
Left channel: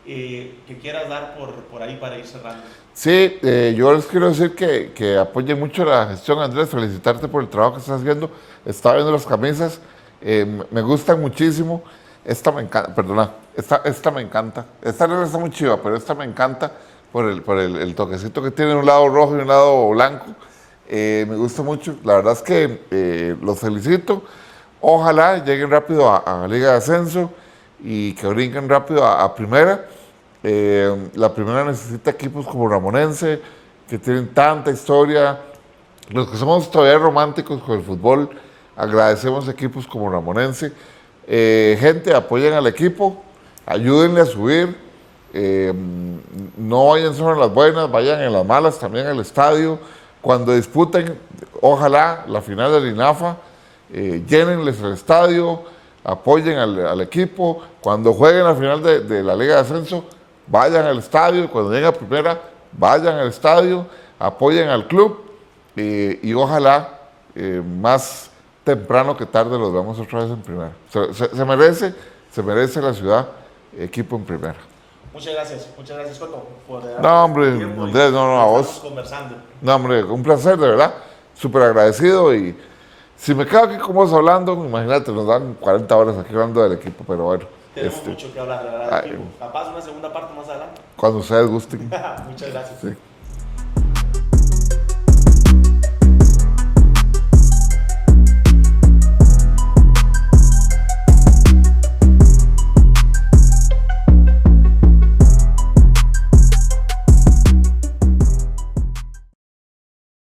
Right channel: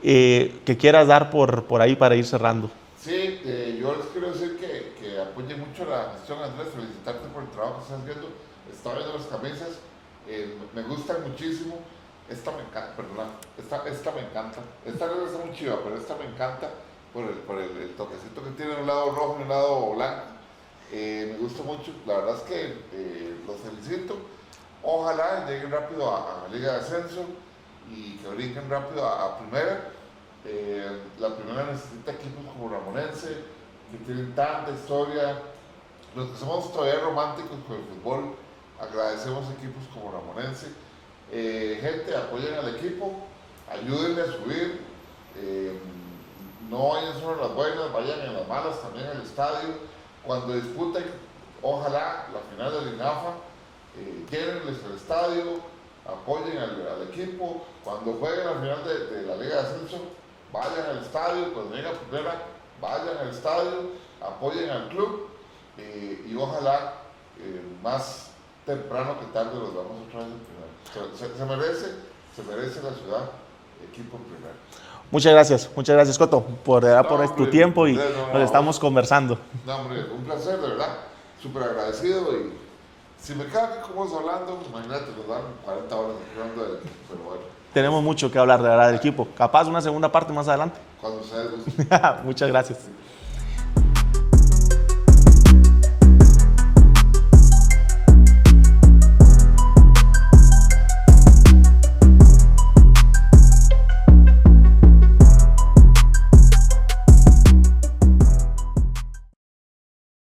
que quieras dar por ahí para ir cerrando. Sí, yo les quiero decir que apoye mucho la gestión, Andrés, felicitarte por el trabajo que estás haciendo. Estaba viendo las camisas, me gustan muchísimo. Esta me encanta, perdona, esta me encanta. Esta no está muy chiva, pero esta me encanta por el toquecito que tiene un lado rojo y un lado blanco. Me gusta mucho. La verdad es que los felicito. Ojalá lleguen rápido a Liga de Ascenso y que brinquen rápido a Primera. La Primera necesita equipos como Ramonense, que tienen tanta historia. Los que somos todavía románticos con el fútbol, agradecemos equipos como Ramonense. Gente, apoyen al equipo, ayúdenle a subir, no vayan solo en las buenas, vayan en las malas también al estadio. Cuando disputen, ojalá la final del INAFA, llénenles el estadio, apoyen al equipo. Cuando jueguen la final de la Liga de Ascenso, vayan al estadio. Cuando lleguen a Primera, vayan al estadio, apoyen al club y ojalá más temprano que tarde los vemos otra vez en Primera. Se merece la ciudad equipo en Primera. Muchas gracias, Coto, por tu tiempo y estamos conversando. No, hombre, un placer, de verdad, súper agradecido. Y si me quedo aquí con vos hablando, imagínate, nos dan 40 horas aquí hablando del equipo, pero bueno. Tenemos mucho que hablar, de verdad, del equipo. Capaz una segunda parte más adelante. Cuando ustedes gusten. Muchas gracias. Sí.